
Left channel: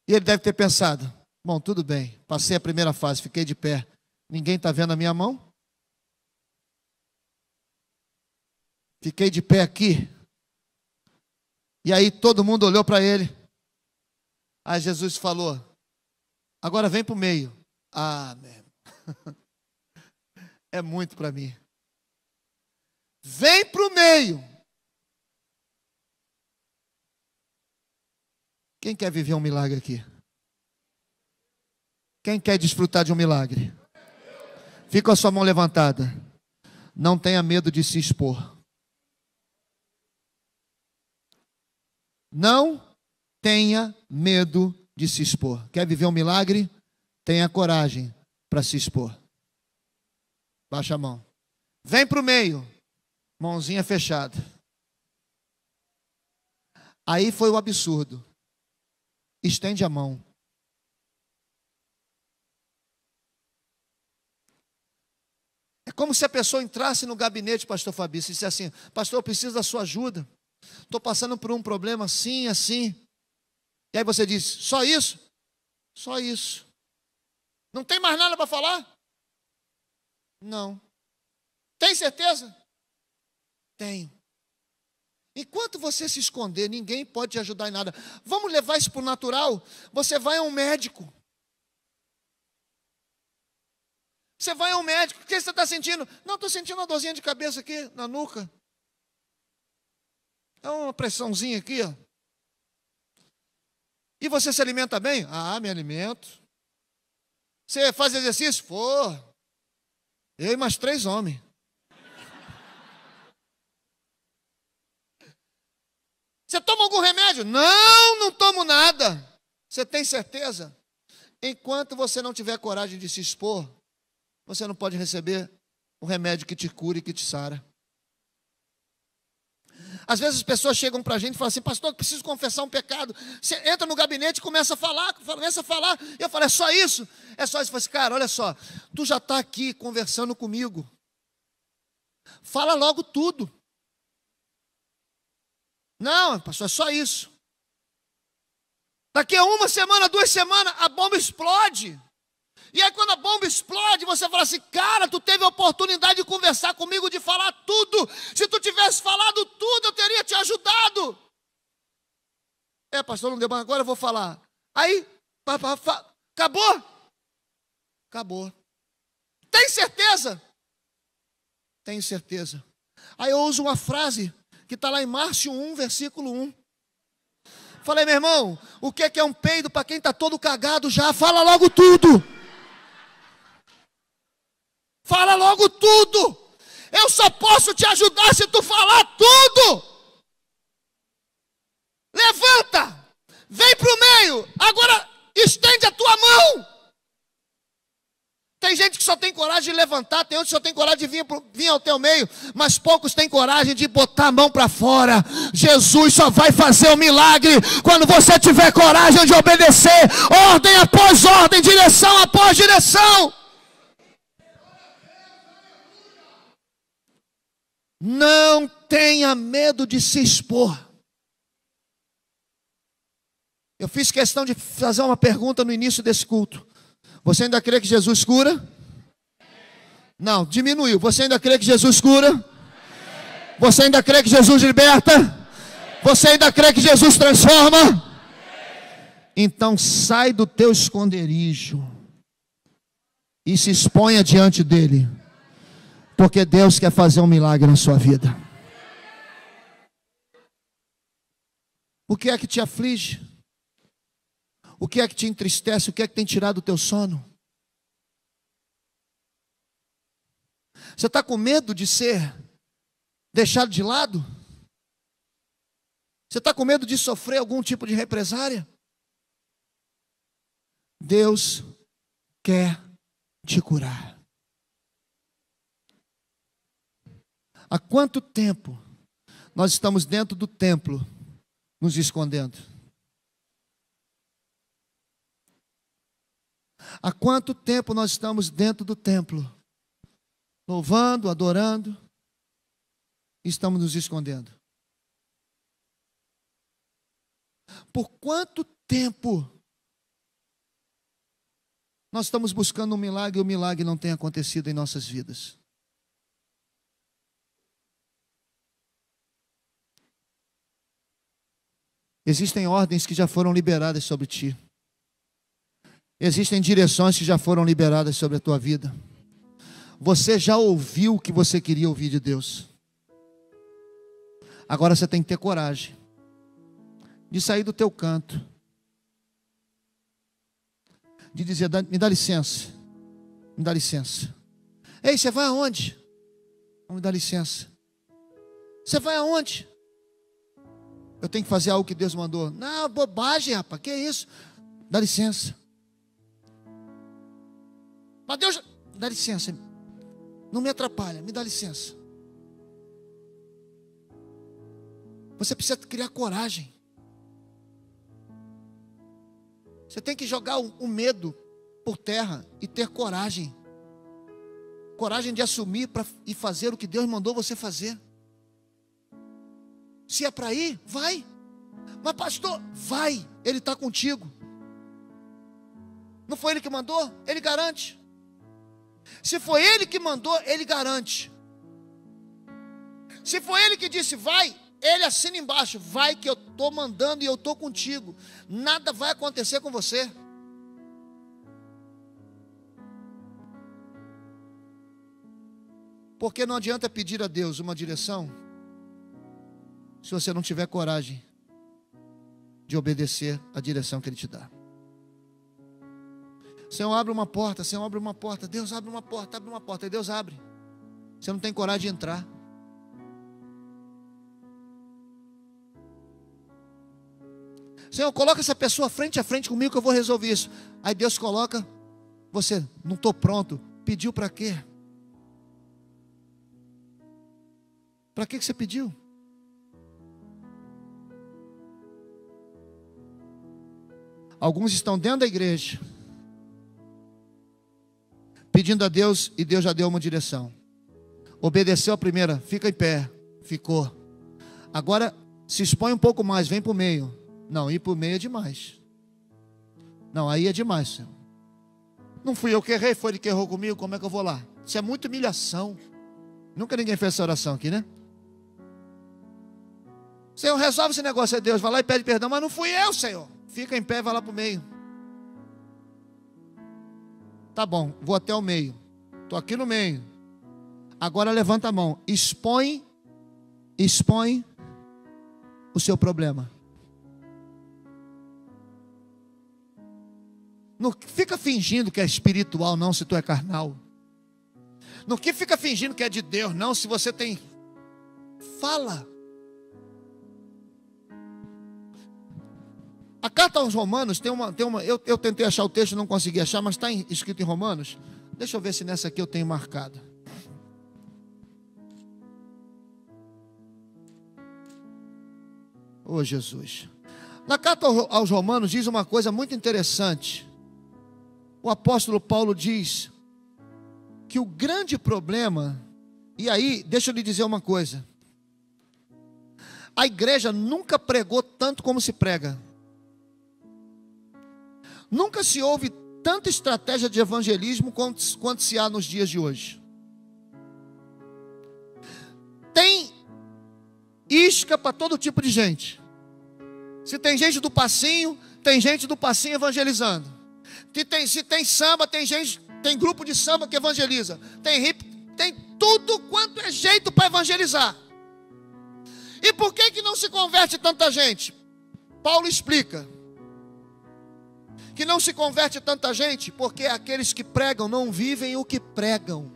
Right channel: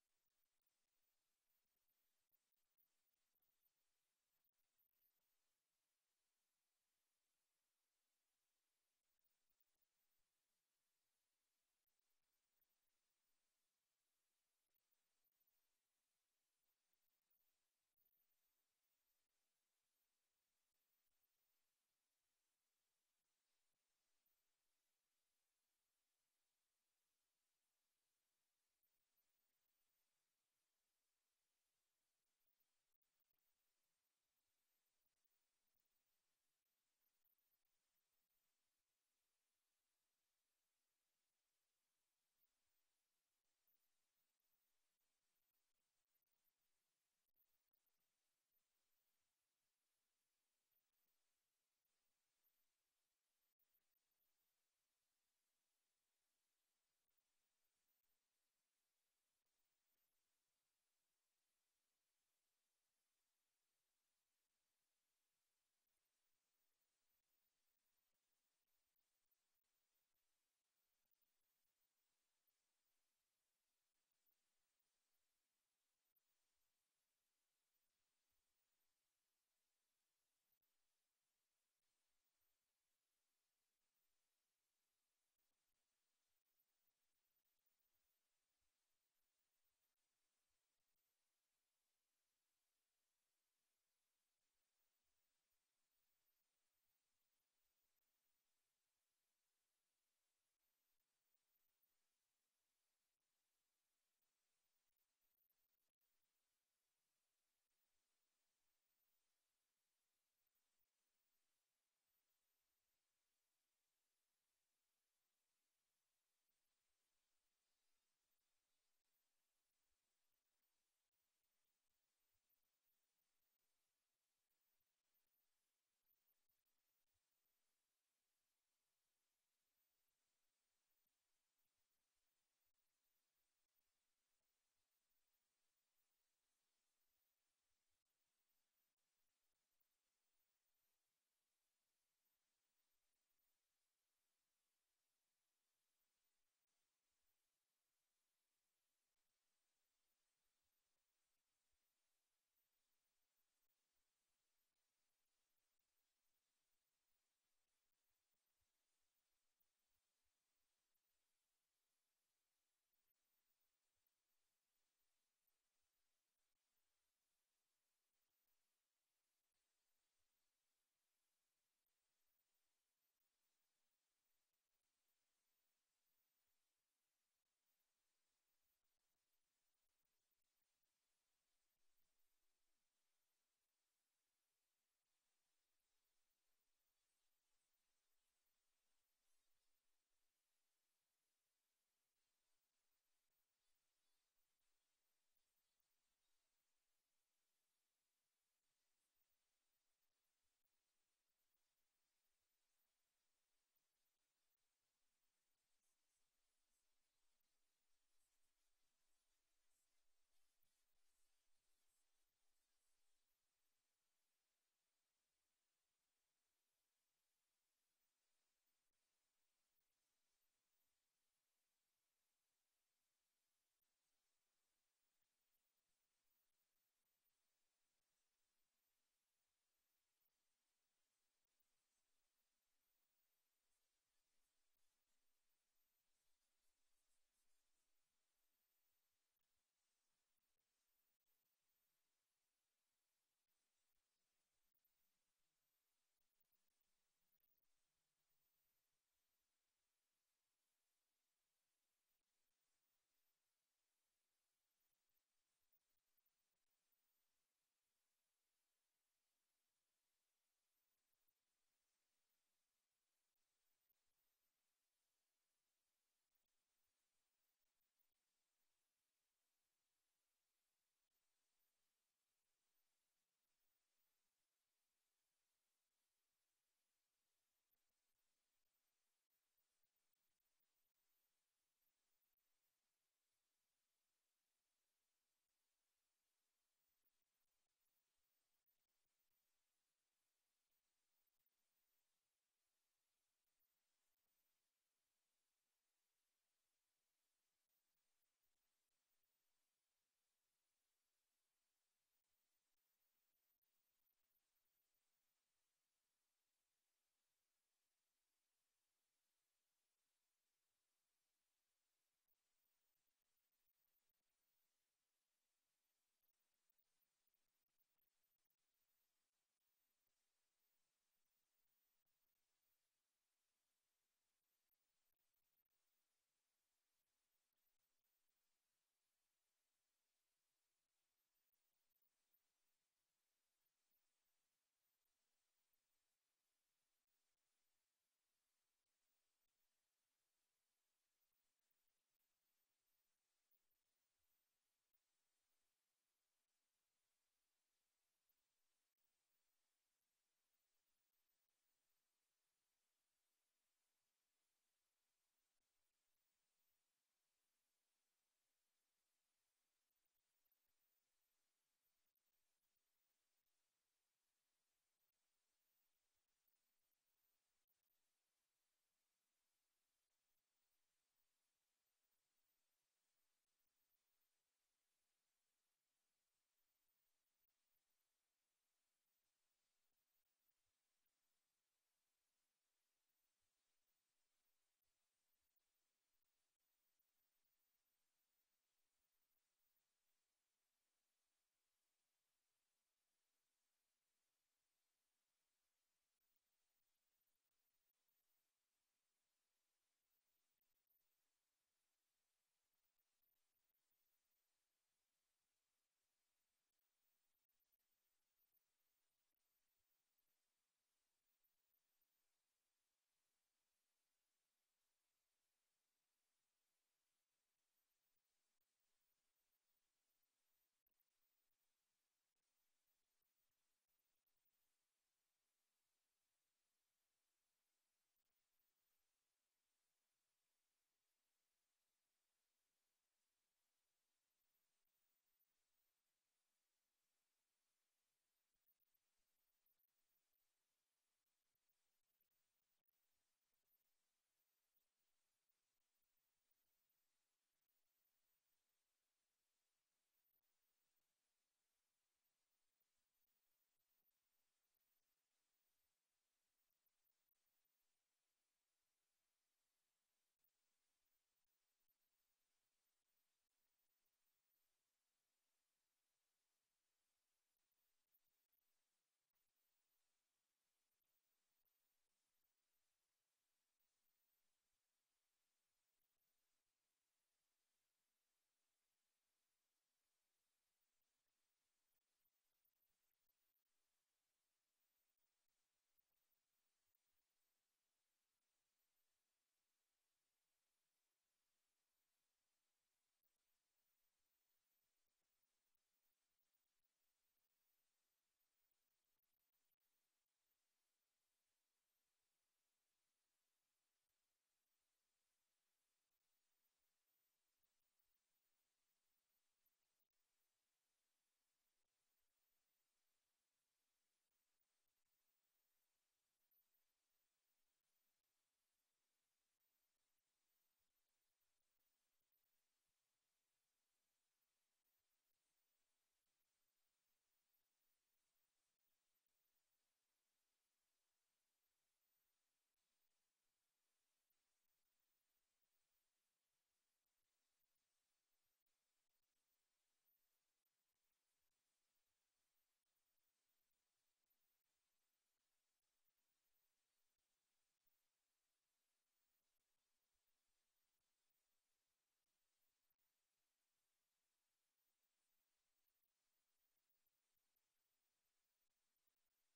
E ele deve ter pensado, bom, tudo bem, passei a primeira fase, fiquei de pé. Ninguém está vendo a minha mão? Fiquei de pé aqui. E aí todo mundo olhou para ele. Aí Jesus falou, agora vem para o meio. Ah, meu. É muito para mim. Vem para o meio. Quem quer viver um milagre aqui? Quem quer desfrutar de um milagre? Fica com a sua mão levantada. Não tenha medo de se expor. Não tenha medo de se expor. Quer viver um milagre? Tenha coragem para se expor. Baixa a mão. Vem para o meio. Mãozinha fechada. Aí foi o absurdo. Estende a mão. É como se a pessoa entrasse no gabinete, pastor Fabrício, e disse assim, pastor, eu preciso da sua ajuda. Estou passando por um problema assim, assim. E aí você diz, só isso? Só isso. Não tem mais nada para falar? Não. Tem certeza? Tenho. Enquanto você se esconder, ninguém pode te ajudar em nada. Vamos levar isso para o natural? Você vai a um médico. Você vai a um médico. O que você está sentindo? Não, estou sentindo uma dorzinha de cabeça aqui na nuca. É uma pressãozinha aqui, ó. E você se alimenta bem? Ah, me alimento. Você faz exercício? Pô, eu e mais 3 homens. Você toma algum remédio? Não, não tomo nada. Você tem certeza? Enquanto você não tiver coragem de se expor, você não pode receber o remédio que te cura e que te sara. Às vezes as pessoas chegam para a gente e falam assim, pastor, eu preciso confessar um pecado. Você entra no gabinete e começa a falar. E eu falo, é só isso? É só isso. Eu falo assim, cara, olha só, tu já está aqui conversando comigo. Fala logo tudo. Não, pastor, é só isso. Daqui a 1 semana, 2 semanas, a bomba explode. E aí quando a bomba explode, você fala assim, cara, tu teve a oportunidade de conversar comigo, de falar tudo. Se tu tivesse falado tudo, eu teria te ajudado. É, pastor, não deu, mas agora eu vou falar. Aí, acabou? Acabou. Tem certeza? Tenho certeza. Aí eu uso uma frase que está lá em Márcio 1, versículo 1. Falei, meu irmão, o que é um peido para quem está todo cagado já? Fala logo tudo. Fala logo tudo. Eu só posso te ajudar se tu falar tudo. Levanta. Vem para o meio. Agora estende a tua mão. Tem gente que só tem coragem de levantar, tem outros que só tem coragem de vir ao teu meio, mas poucos têm coragem de botar a mão para fora. Jesus só vai fazer o milagre quando você tiver coragem de obedecer, ordem após ordem, direção após direção. Não tenha medo de se expor. Eu fiz questão de fazer uma pergunta no início desse culto. Você ainda crê que Jesus cura? Não, diminuiu. Você ainda crê que Jesus cura? Você ainda crê que Jesus liberta? Você ainda crê que Jesus transforma? Então sai do teu esconderijo e se exponha diante dele, porque Deus quer fazer um milagre na sua vida. O que é que te aflige? O que é que te entristece? O que é que tem tirado o teu sono? Você está com medo de ser deixado de lado? Você está com medo de sofrer algum tipo de represária? Deus quer te curar. Há quanto tempo nós estamos dentro do templo, nos escondendo? Há quanto tempo nós estamos dentro do templo, louvando, adorando, e estamos nos escondendo? Por quanto tempo nós estamos buscando um milagre e o milagre não tem acontecido em nossas vidas? Existem ordens que já foram liberadas sobre ti. Existem direções que já foram liberadas sobre a tua vida. Você já ouviu o que você queria ouvir de Deus. Agora você tem que ter coragem de sair do teu canto, de dizer, me dá licença, me dá licença. Ei, você vai aonde? Não, me dá licença. Você vai aonde? Eu tenho que fazer algo que Deus mandou. Não, bobagem, rapaz, que é isso? Dá licença. Mas Deus, dá licença, não me atrapalha, me dá licença. Você precisa criar coragem. Você tem que jogar o medo por terra e ter coragem. Coragem de assumir e fazer o que Deus mandou você fazer. Se é para ir, vai. Mas pastor, vai, Ele está contigo. Não foi Ele que mandou? Ele garante. Se foi Ele que mandou, Ele garante. Se foi Ele que disse vai, Ele assina embaixo, vai que eu estou mandando e eu estou contigo. Nada vai acontecer com você. Porque não adianta pedir a Deus uma direção se você não tiver coragem de obedecer a direção que Ele te dá. Senhor, abre uma porta, Senhor, abre uma porta. Deus abre uma porta, e Deus abre. Você não tem coragem de entrar. Senhor, coloca essa pessoa frente a frente comigo que eu vou resolver isso. Aí Deus coloca, você, não estou pronto. Pediu para quê? Para que você pediu? Alguns estão dentro da igreja, pedindo a Deus, e Deus já deu uma direção. Obedeceu a primeira, fica em pé, ficou. Agora se expõe um pouco mais, vem para o meio. Não, ir para o meio é demais. Não, aí é demais, Senhor. Não fui eu que errei, foi Ele que errou comigo, como é que eu vou lá? Isso é muita humilhação. Nunca ninguém fez essa oração aqui, né? Senhor, resolve esse negócio, é Deus, vai lá e pede perdão, mas não fui eu, Senhor. Fica em pé, vai lá para o meio. Tá bom, vou até o meio. Estou aqui no meio. Agora levanta a mão. Expõe o seu problema. Não fica fingindo que é espiritual, não, se tu é carnal. Não fica fingindo que é de Deus, não, se você tem. Fala. A carta aos Romanos tem uma eu tentei achar o texto, não consegui achar, mas está escrito em Romanos. Deixa eu ver se nessa aqui eu tenho marcado. Oh, Jesus. Na carta aos Romanos diz uma coisa muito interessante. O apóstolo Paulo diz que o grande problema, e aí, deixa eu lhe dizer uma coisa. A igreja nunca pregou tanto como se prega. Nunca se houve tanta estratégia de evangelismo quanto se há nos dias de hoje. Tem isca para todo tipo de gente. Se tem gente do passinho, tem gente do passinho evangelizando. Se tem samba, tem gente, tem grupo de samba que evangeliza. Tem hip, tem tudo quanto é jeito para evangelizar. E por que não se converte tanta gente? Paulo explica que não se converte tanta gente porque aqueles que pregam não vivem o que pregam.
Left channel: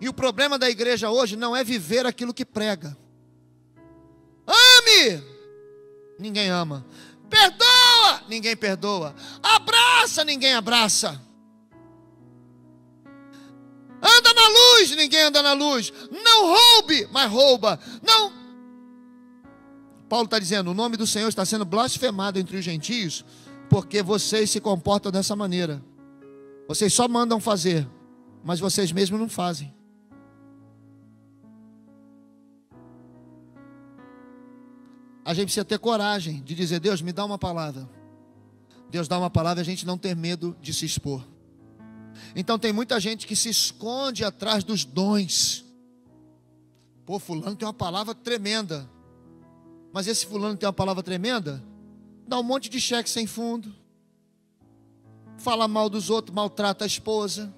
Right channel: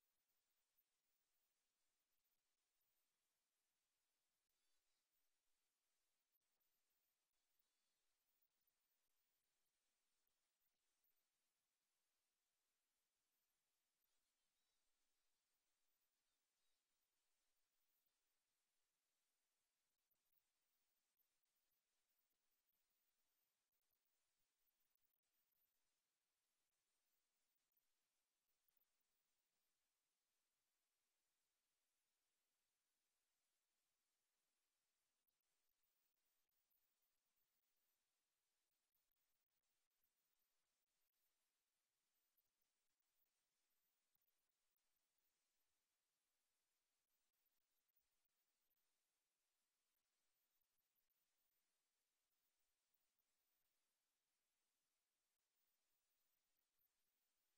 E o problema da igreja hoje não é viver aquilo que prega. Ame! Ninguém ama. Perdoa! Ninguém perdoa. Abraça! Ninguém abraça. Anda na luz! Ninguém anda na luz. Não roube! Mas rouba. Não. Paulo está dizendo, o nome do Senhor está sendo blasfemado entre os gentios, porque vocês se comportam dessa maneira. Vocês só mandam fazer, mas vocês mesmos não fazem. A gente precisa ter coragem de dizer, Deus, me dá uma palavra. Deus dá uma palavra e a gente não ter medo de se expor. Então tem muita gente que se esconde atrás dos dons. Pô, fulano tem uma palavra tremenda. Mas esse fulano tem uma palavra tremenda, dá um monte de cheque sem fundo, fala mal dos outros, maltrata a esposa.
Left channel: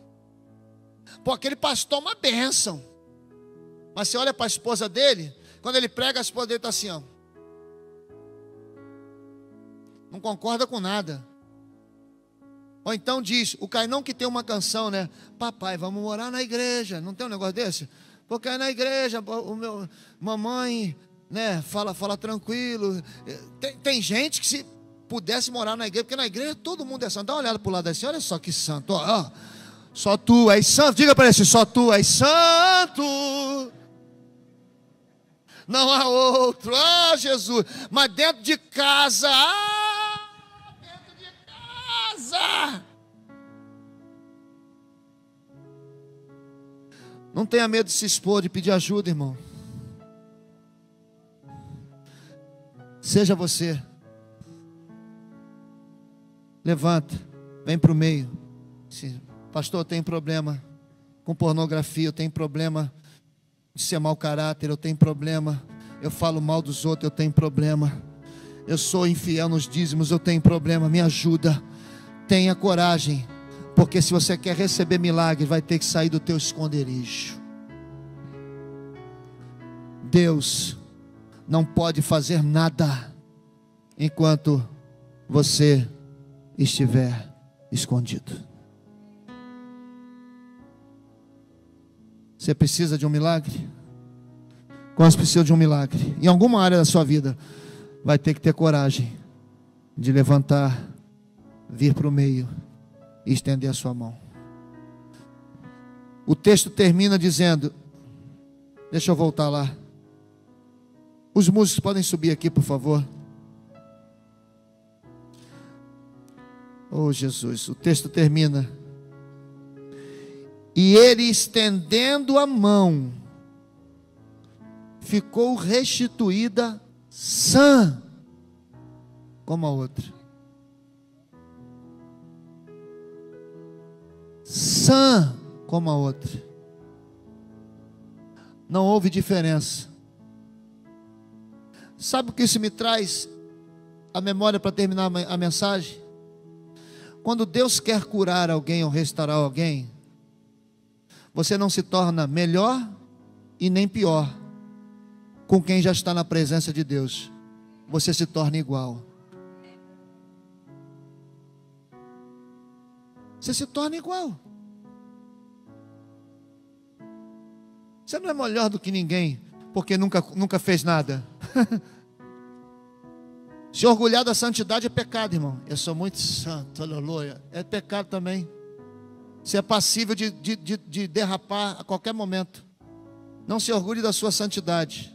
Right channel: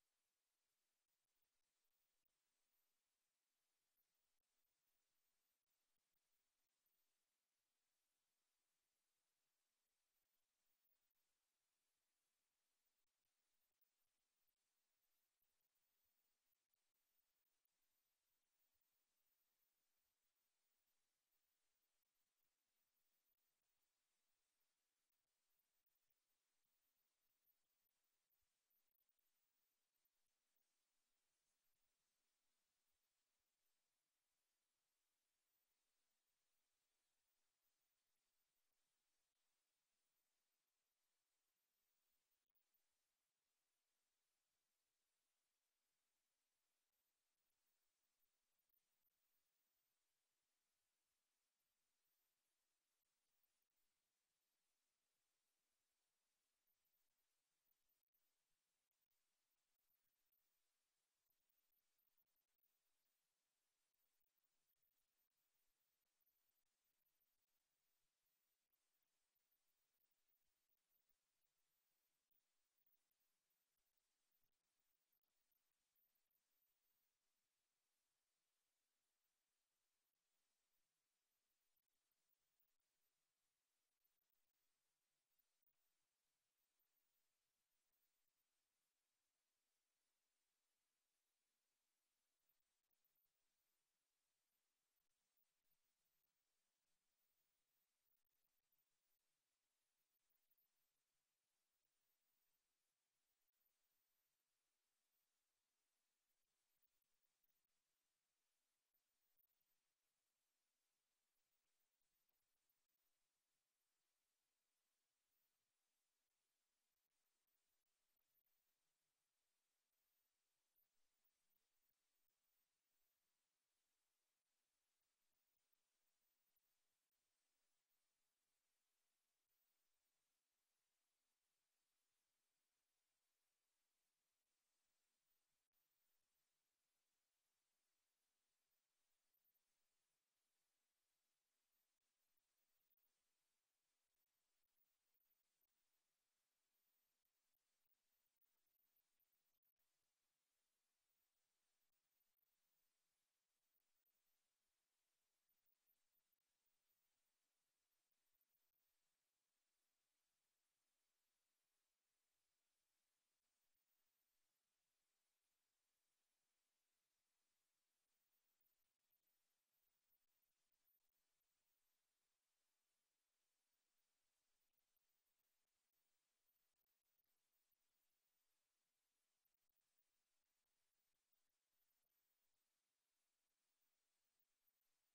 Pô, aquele pastor é uma bênção. Mas você olha para a esposa dele, quando ele prega, a esposa dele está assim, ó. Não concorda com nada. Ou então diz, o Cainão que tem uma canção, né? Papai, vamos morar na igreja. Não tem um negócio desse? Porque é na igreja, mamãe, né? Fala tranquilo. Tem gente que se pudesse morar na igreja, porque na igreja todo mundo é santo. Dá uma olhada para o lado assim, olha só que santo. Ó, só tu és santo. Diga para ele assim, só tu és santo. Não há outro. Ah, Jesus. Mas dentro de casa, não tenha medo de se expor, de pedir ajuda, irmão. Seja você. Levanta, vem para o meio. Pastor, eu tenho problema com pornografia, eu tenho problema de ser mau caráter, eu tenho problema, eu falo mal dos outros, eu tenho problema, eu sou infiel nos dízimos, eu tenho problema, me ajuda. Tenha coragem, porque se você quer receber milagre, vai ter que sair do teu esconderijo. Deus não pode fazer nada enquanto você estiver escondido. Você precisa de um milagre? Quantos precisam de um milagre? Em alguma área da sua vida, vai ter que ter coragem de levantar, vir para o meio e estender a sua mão. O texto termina dizendo, deixa eu voltar lá. Os músicos podem subir aqui, por favor. Oh, Jesus, o texto termina. E ele, estendendo a mão, ficou restituída sã como a outra. Sã como a outra. Não houve diferença. Sabe o que isso me traz a memória para terminar a mensagem? Quando Deus quer curar alguém ou restaurar alguém, você não se torna melhor e nem pior com quem já está na presença de Deus. Você se torna igual. Você se torna igual. Você não é melhor do que ninguém, porque nunca fez nada. Se orgulhar da santidade é pecado, irmão. Eu sou muito santo, aleluia. É pecado também. Você é passível de derrapar a qualquer momento. Não se orgulhe da sua santidade.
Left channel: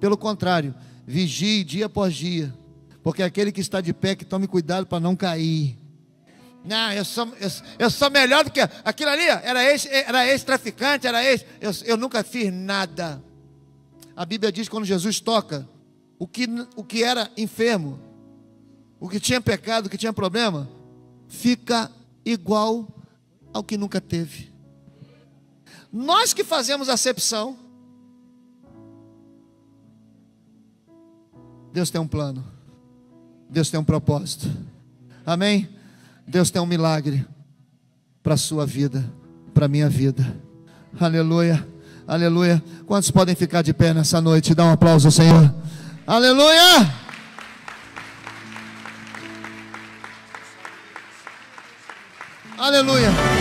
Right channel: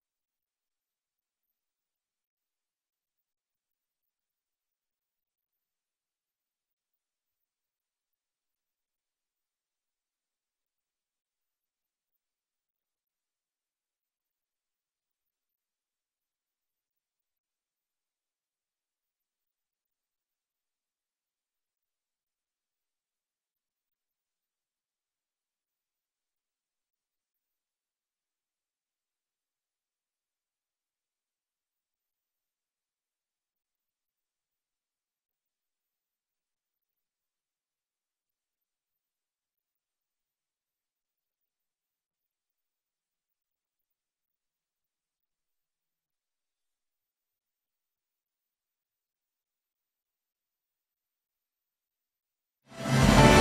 Pelo contrário, vigie dia após dia. Porque aquele que está de pé, que tome cuidado para não cair. Não, eu sou melhor do que aquilo ali. Era ex-traficante, eu nunca fiz nada. A Bíblia diz que quando Jesus toca, o que era enfermo, o que tinha pecado, o que tinha problema, fica igual ao que nunca teve. Nós que fazemos acepção. Deus tem um plano. Deus tem um propósito. Amém? Deus tem um milagre para a sua vida, para a minha vida. Aleluia, aleluia. Quantos podem ficar de pé nessa noite? Dá um aplauso ao Senhor. Aleluia! Aleluia!